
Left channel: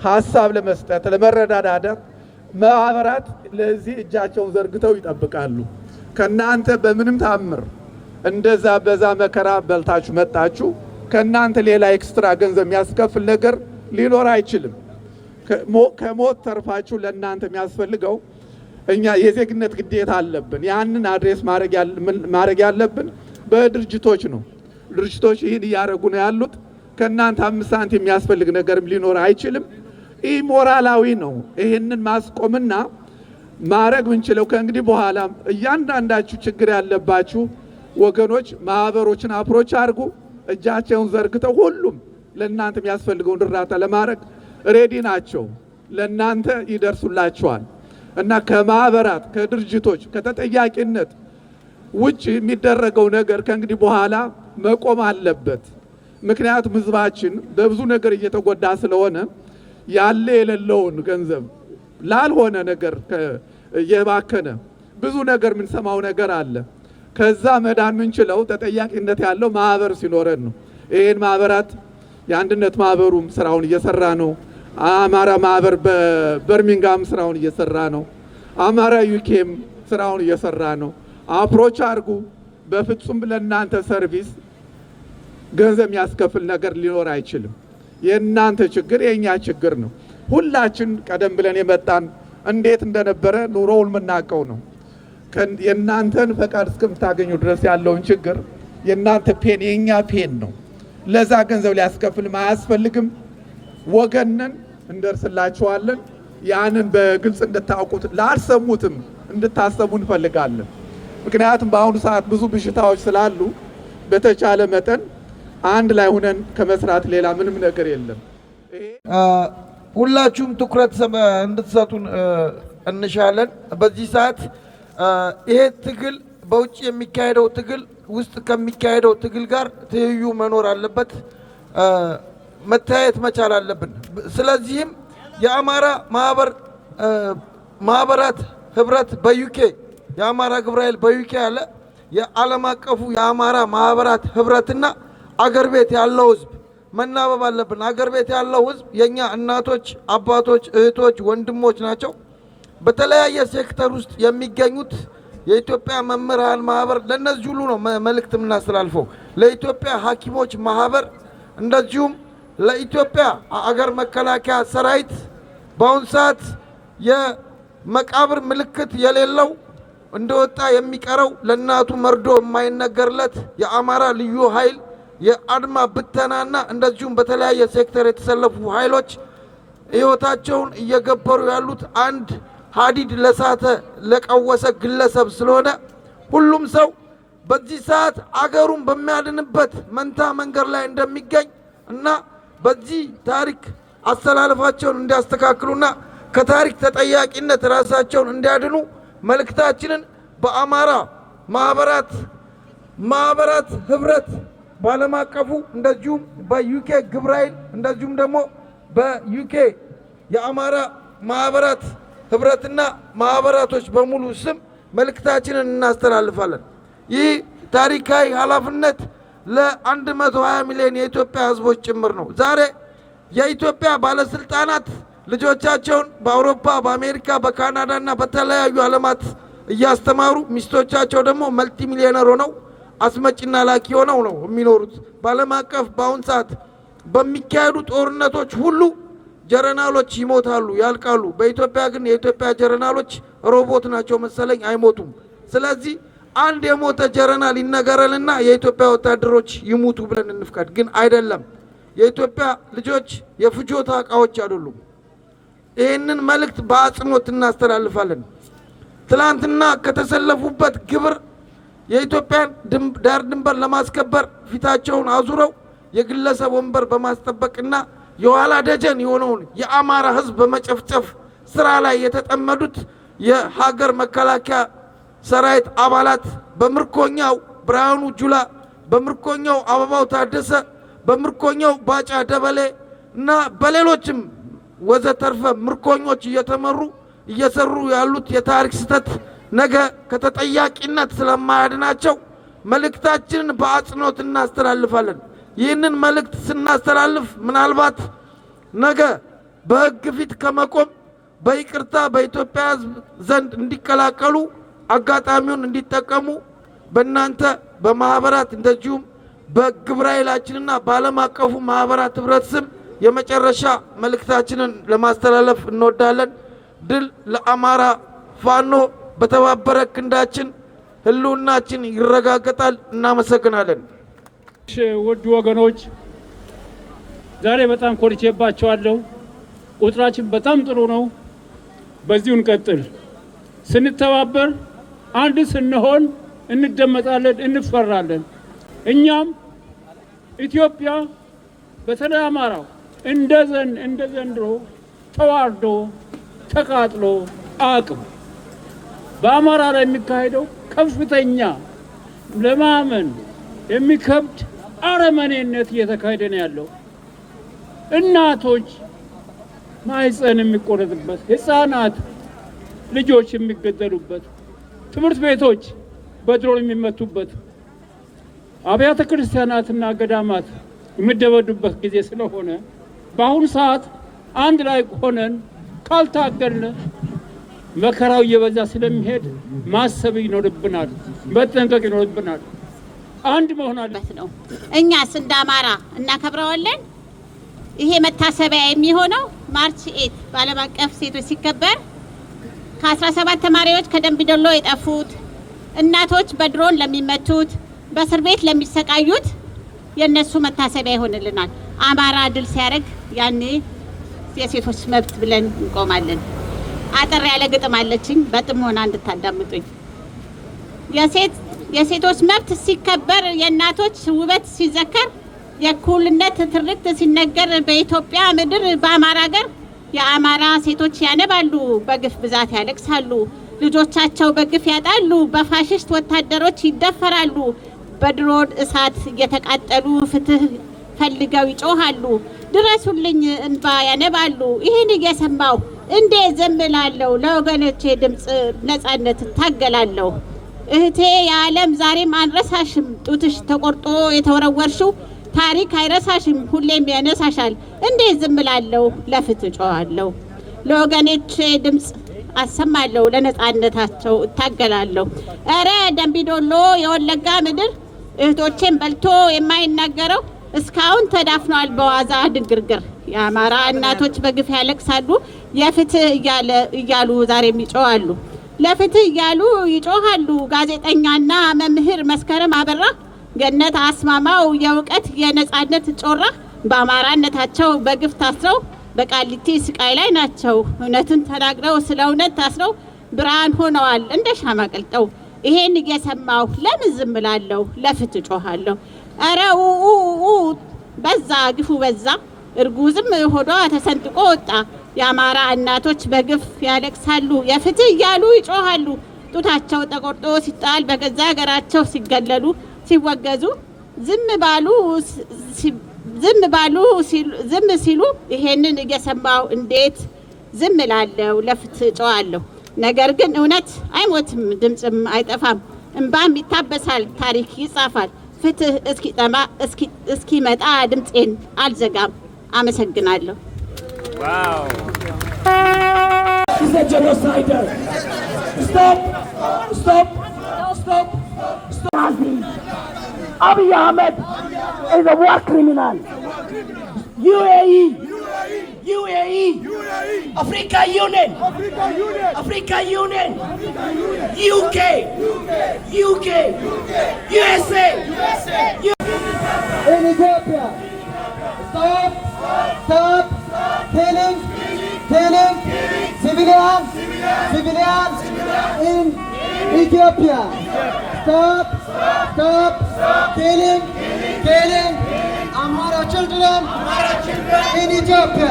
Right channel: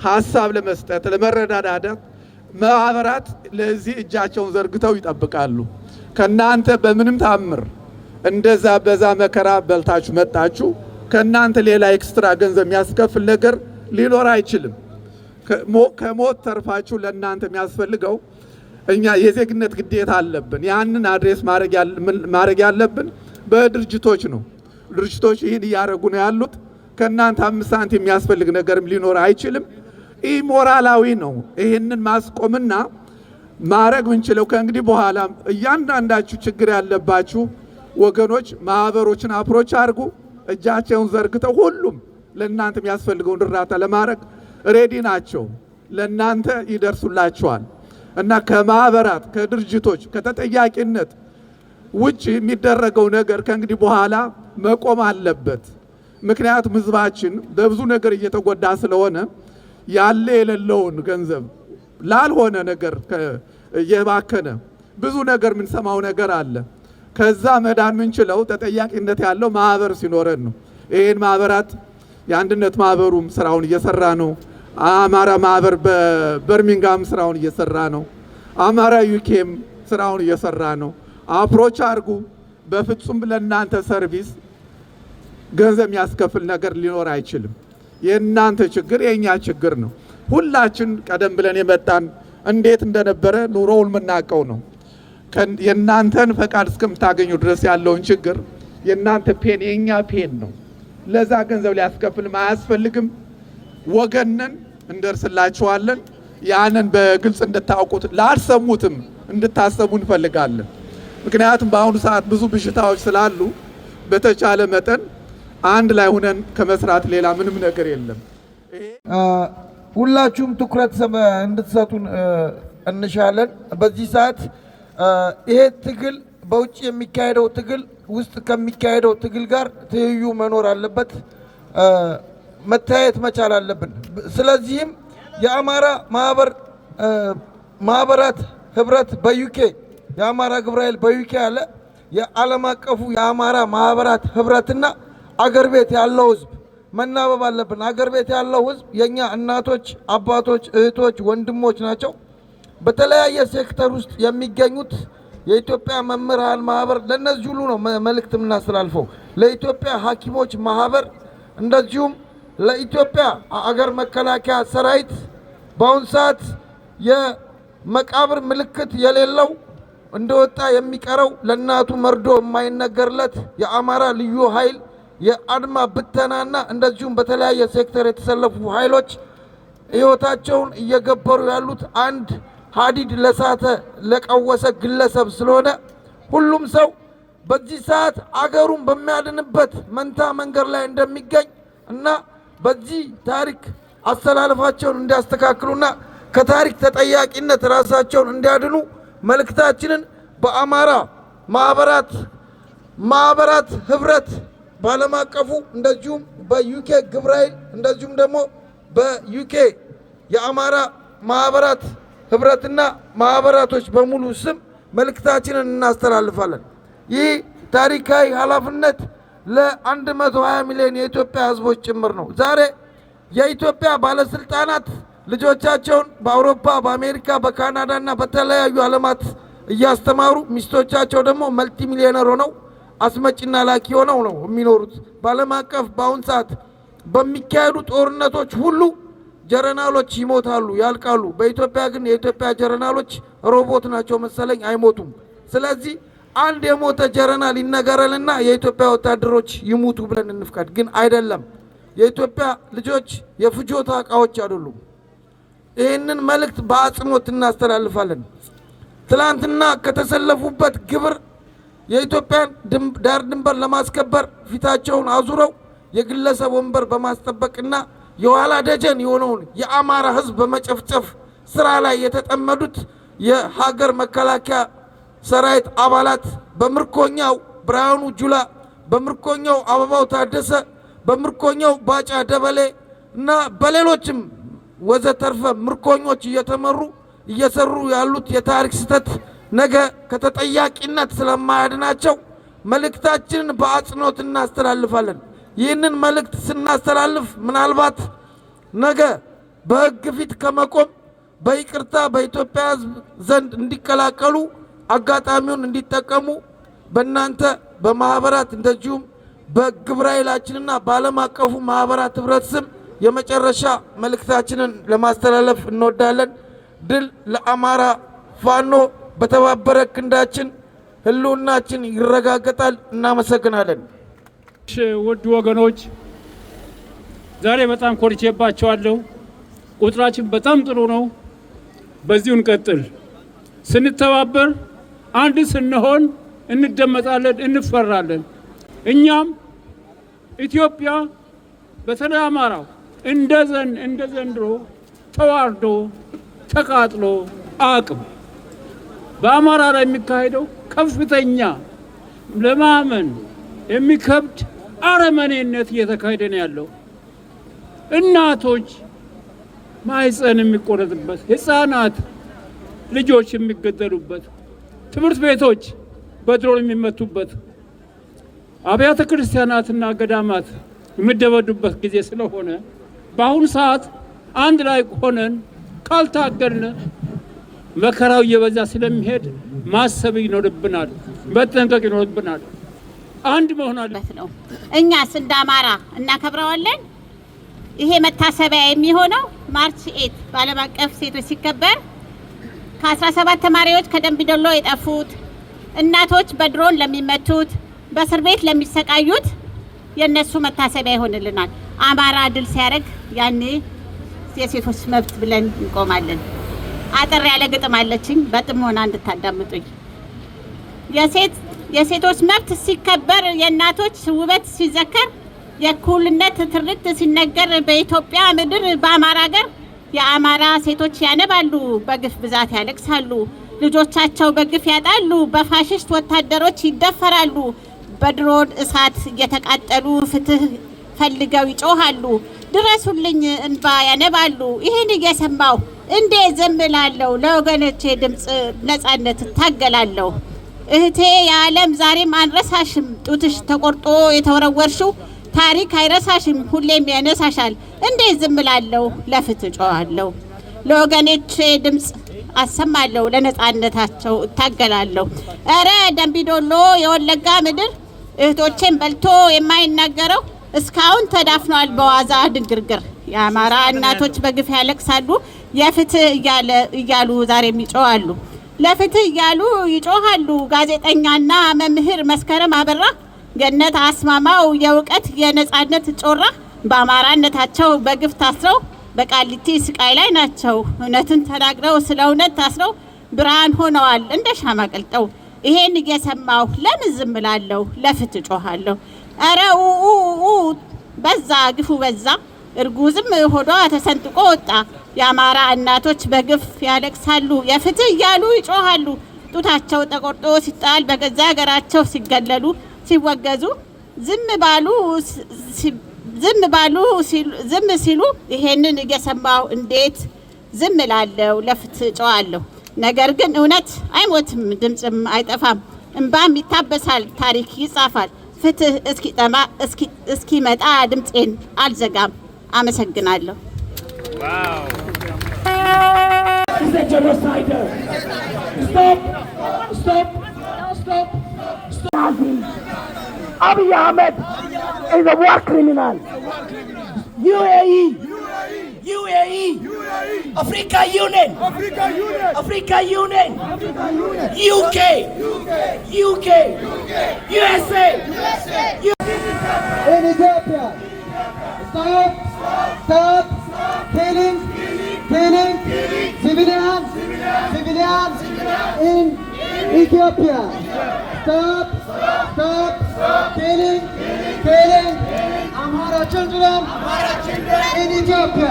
ሀሳብ ለመስጠት ለመረዳዳት ማህበራት ለዚህ እጃቸውን ዘርግተው ይጠብቃሉ። ከናንተ በምንም ታምር እንደዛ በዛ መከራ በልታችሁ መጣችሁ ከናንተ ሌላ ኤክስትራ ገንዘብ የሚያስከፍል ነገር ሊኖር አይችልም። ከሞት ተርፋችሁ ለናንተ የሚያስፈልገው እኛ የዜግነት ግዴታ አለብን። ያንን አድሬስ ማድረግ ያለብን በድርጅቶች ነው። ድርጅቶች ይህን እያደረጉ ነው ያሉት። ከእናንተ 5 ሳንቲም የሚያስፈልግ ነገርም ሊኖር አይችልም። ይህ ሞራላዊ ነው። ይህንን ማስቆምና ማድረግ ምንችለው ከእንግዲህ በኋላ እያንዳንዳችሁ ችግር ያለባችሁ ወገኖች ማህበሮችን አፕሮች አድርጉ። እጃቸውን ዘርግተው ሁሉም ለእናንተ የሚያስፈልገውን እርዳታ ለማድረግ ሬዲ ናቸው። ለእናንተ ይደርሱላቸዋል እና ከማህበራት ከድርጅቶች ከተጠያቂነት ውጭ የሚደረገው ነገር ከእንግዲህ በኋላ መቆም አለበት። ምክንያቱም ህዝባችን በብዙ ነገር እየተጎዳ ስለሆነ ያለ የሌለውን ገንዘብ ላልሆነ ነገር እየባከነ ብዙ ነገር የምንሰማው ነገር አለ። ከዛ መዳን ምንችለው ተጠያቂነት ያለው ማህበር ሲኖረን ነው። ይህን ማህበራት የአንድነት ማህበሩም ስራውን እየሰራ ነው። አማራ ማህበር በበርሚንጋም ስራውን እየሰራ ነው። አማራ ዩኬም ስራውን እየሰራ ነው። አፕሮች አድርጉ። በፍጹም ለእናንተ ሰርቪስ ገንዘብ የሚያስከፍል ነገር ሊኖር አይችልም። የእናንተ ችግር የእኛ ችግር ነው። ሁላችን ቀደም ብለን የመጣን እንዴት እንደነበረ ኑሮውን የምናውቀው ነው። የእናንተን ፈቃድ እስከምታገኙ ድረስ ያለውን ችግር የእናንተ ፔን የእኛ ፔን ነው። ለዛ ገንዘብ ሊያስከፍልም አያስፈልግም። ወገንን እንደርስላችኋለን። ያንን በግልጽ እንድታውቁት ላልሰሙትም እንድታሰቡ እንፈልጋለን። ምክንያቱም በአሁኑ ሰዓት ብዙ ብሽታዎች ስላሉ በተቻለ መጠን አንድ ላይ ሆነን ከመስራት ሌላ ምንም ነገር የለም። ሁላችሁም ትኩረት እንድትሰጡን እንሻለን። በዚህ ሰዓት ይሄ ትግል በውጭ የሚካሄደው ትግል ውስጥ ከሚካሄደው ትግል ጋር ትይዩ መኖር አለበት፣ መታየት መቻል አለብን። ስለዚህም የአማራ ማህበራት ህብረት በዩኬ የአማራ ግብረ ኃይል በዩኬ ያለ የዓለም አቀፉ የአማራ ማህበራት ህብረትና አገር ቤት ያለው ህዝብ መናበብ አለብን። አገር ቤት ያለው ህዝብ የኛ እናቶች፣ አባቶች፣ እህቶች፣ ወንድሞች ናቸው። በተለያየ ሴክተር ውስጥ የሚገኙት የኢትዮጵያ መምህራን ማህበር ለነዚህ ሁሉ ነው መልእክት የምናስተላልፈው። ለኢትዮጵያ ሐኪሞች ማህበር እንደዚሁም ለኢትዮጵያ አገር መከላከያ ሰራዊት በአሁኑ ሰዓት የመቃብር ምልክት የሌለው እንደወጣ የሚቀረው ለእናቱ መርዶ የማይነገርለት የአማራ ልዩ ኃይል የአድማ ብተናና እንደዚሁም በተለያየ ሴክተር የተሰለፉ ኃይሎች ህይወታቸውን እየገበሩ ያሉት አንድ ሀዲድ ለሳተ ለቀወሰ ግለሰብ ስለሆነ ሁሉም ሰው በዚህ ሰዓት አገሩን በሚያድንበት መንታ መንገድ ላይ እንደሚገኝ እና በዚህ ታሪክ አስተላለፋቸውን እንዲያስተካክሉና ከታሪክ ተጠያቂነት ራሳቸውን እንዲያድኑ መልእክታችንን በአማራ ማህበራት ህብረት በዓለም አቀፉ እንደዚሁም በዩኬ ግብረ ኃይል እንደዚሁም ደግሞ በዩኬ የአማራ ማህበራት ህብረትና ማህበራቶች በሙሉ ስም መልእክታችንን እናስተላልፋለን። ይህ ታሪካዊ ኃላፊነት ለ120 ሚሊዮን የኢትዮጵያ ህዝቦች ጭምር ነው። ዛሬ የኢትዮጵያ ባለስልጣናት ልጆቻቸውን በአውሮፓ፣ በአሜሪካ፣ በካናዳና በተለያዩ ዓለማት እያስተማሩ ሚስቶቻቸው ደግሞ መልቲ ሚሊዮነር ሆነው አስመጭና ላኪ ሆነው ነው የሚኖሩት። በዓለም አቀፍ በአሁን ሰዓት በሚካሄዱ ጦርነቶች ሁሉ ጀረናሎች ይሞታሉ፣ ያልቃሉ። በኢትዮጵያ ግን የኢትዮጵያ ጀረናሎች ሮቦት ናቸው መሰለኝ፣ አይሞቱም። ስለዚህ አንድ የሞተ ጀረናል ይነገረልና የኢትዮጵያ ወታደሮች ይሙቱ ብለን እንፍቀድ። ግን አይደለም። የኢትዮጵያ ልጆች የፍጆታ ዕቃዎች አይደሉም። ይህንን መልእክት በአጽንኦት እናስተላልፋለን። ትላንትና ከተሰለፉበት ግብር የኢትዮጵያን ዳር ድንበር ለማስከበር ፊታቸውን አዙረው የግለሰብ ወንበር በማስጠበቅና የኋላ ደጀን የሆነውን የአማራ ህዝብ በመጨፍጨፍ ስራ ላይ የተጠመዱት የሀገር መከላከያ ሰራዊት አባላት በምርኮኛው ብርሃኑ ጁላ፣ በምርኮኛው አበባው ታደሰ፣ በምርኮኛው ባጫ ደበሌ እና በሌሎችም ወዘተርፈ ምርኮኞች እየተመሩ እየሰሩ ያሉት የታሪክ ስህተት ነገ ከተጠያቂነት ስለማያድናቸው መልእክታችንን በአጽንኦት እናስተላልፋለን። ይህንን መልእክት ስናስተላልፍ ምናልባት ነገ በህግ ፊት ከመቆም በይቅርታ በኢትዮጵያ ህዝብ ዘንድ እንዲቀላቀሉ አጋጣሚውን እንዲጠቀሙ በእናንተ በማህበራት እንደዚሁም በግብረ ኃይላችንና በዓለም አቀፉ ማህበራት ህብረት ስም የመጨረሻ መልእክታችንን ለማስተላለፍ እንወዳለን። ድል ለአማራ ፋኖ! በተባበረ ክንዳችን ህልውናችን ይረጋገጣል። እናመሰግናለን። ውድ ወገኖች ዛሬ በጣም ኮርቼባቸዋለሁ። ቁጥራችን በጣም ጥሩ ነው። በዚሁ እንቀጥል። ስንተባበር አንድ ስንሆን እንደመጣለን፣ እንፈራለን። እኛም ኢትዮጵያ በተለይ አማራው እንደ ዘንድሮ ተዋርዶ ተቃጥሎ አቅም በአማራ ላይ የሚካሄደው ከፍተኛ ለማመን የሚከብድ አረመኔነት እየተካሄደ ነው ያለው። እናቶች ማህፀን የሚቆረጥበት፣ ህፃናት ልጆች የሚገደሉበት፣ ትምህርት ቤቶች በድሮን የሚመቱበት፣ አብያተ ክርስቲያናትና ገዳማት የሚደበዱበት ጊዜ ስለሆነ በአሁኑ ሰዓት አንድ ላይ ሆነን ካልታገልን መከራው እየበዛ ስለሚሄድ ማሰብ ይኖርብናል፣ መጠንቀቅ ይኖርብናል። አንድ መሆን አለበት ነው። እኛስ እንደ አማራ እናከብረዋለን። ይሄ መታሰቢያ የሚሆነው ማርች 8 በዓለም አቀፍ ሴቶች ሲከበር ከ17 ተማሪዎች ከደንቢ ዶሎ የጠፉት እናቶች በድሮን ለሚመቱት በእስር ቤት ለሚሰቃዩት የነሱ መታሰቢያ ይሆንልናል። አማራ ድል ሲያደርግ ያኔ የሴቶች መብት ብለን እንቆማለን። አጠር ያለ ግጥም አለችኝ፣ በጥሞና እንድታዳምጡኝ። የሴቶች መብት ሲከበር፣ የእናቶች ውበት ሲዘከር፣ የእኩልነት ትርክት ሲነገር በኢትዮጵያ ምድር በአማራ ሀገር የአማራ ሴቶች ያነባሉ፣ በግፍ ብዛት ያለቅሳሉ፣ ልጆቻቸው በግፍ ያጣሉ፣ በፋሽስት ወታደሮች ይደፈራሉ፣ በድሮን እሳት እየተቃጠሉ ፍትህ ፈልገው ይጮሃሉ፣ ድረሱልኝ እንባ ያነባሉ። ይህን እየሰማው እንዴ ዝም እላለሁ? ለወገኖቼ ድምፅ ነፃነት እታገላለሁ። እህቴ የዓለም ዛሬም አንረሳሽም፣ ጡትሽ ተቆርጦ የተወረወርሽው ታሪክ አይረሳሽም፣ ሁሌም ያነሳሻል። እንዴ ዝም እላለሁ? ለፍትህ ጮሃለሁ። ለወገኖቼ ድምፅ አሰማለሁ፣ ለነፃነታቸው እታገላለሁ። እረ ደንቢ ዶሎ የወለጋ ምድር እህቶቼን በልቶ የማይናገረው እስካሁን ተዳፍኗል በዋዛ ድንግርግር። የአማራ እናቶች በግፍ ያለቅሳሉ፣ የፍትህ እያሉ ዛሬም ይጮሃሉ። ለፍትህ እያሉ ይጮሃሉ። ጋዜጠኛና መምህር መስከረም አበራ፣ ገነት አስማማው የእውቀት የነፃነት ጮራ በአማራነታቸው በግፍ ታስረው በቃሊቲ ስቃይ ላይ ናቸው። እውነትን ተናግረው ስለ እውነት ታስረው ብርሃን ሆነዋል እንደ ሻማ ቀልጠው። ይሄን እየሰማሁ ለምን ዝም እላለሁ? ለፍትህ ጮሃለሁ። ኧረ በዛ ግፉ በዛ፣ እርጉዝም ሆዷ ተሰንጥቆ ወጣ። የአማራ እናቶች በግፍ ያለቅሳሉ፣ የፍትህ እያሉ ይጮሃሉ። ጡታቸው ተቆርጦ ሲጣል በገዛ ሀገራቸው ሲገለሉ ሲወገዙ ዝም ሲሉ ይሄንን እየሰማሁ እንዴት ዝም እላለሁ? ለፍትህ ጮሃለሁ። ነገር ግን እውነት አይሞትም፣ ድምፅም አይጠፋም፣ እንባም ይታበሳል፣ ታሪክ ይጻፋል። ፍትህ እስኪመጣ ድምፄን አልዘጋም። አመሰግናለሁ። Abiy Ahmed is a war criminal. UAE, Africa Union, UK, USA. In Ethiopia, stop killing civilians in Ethiopia. Stop killing Amhara children in Ethiopia.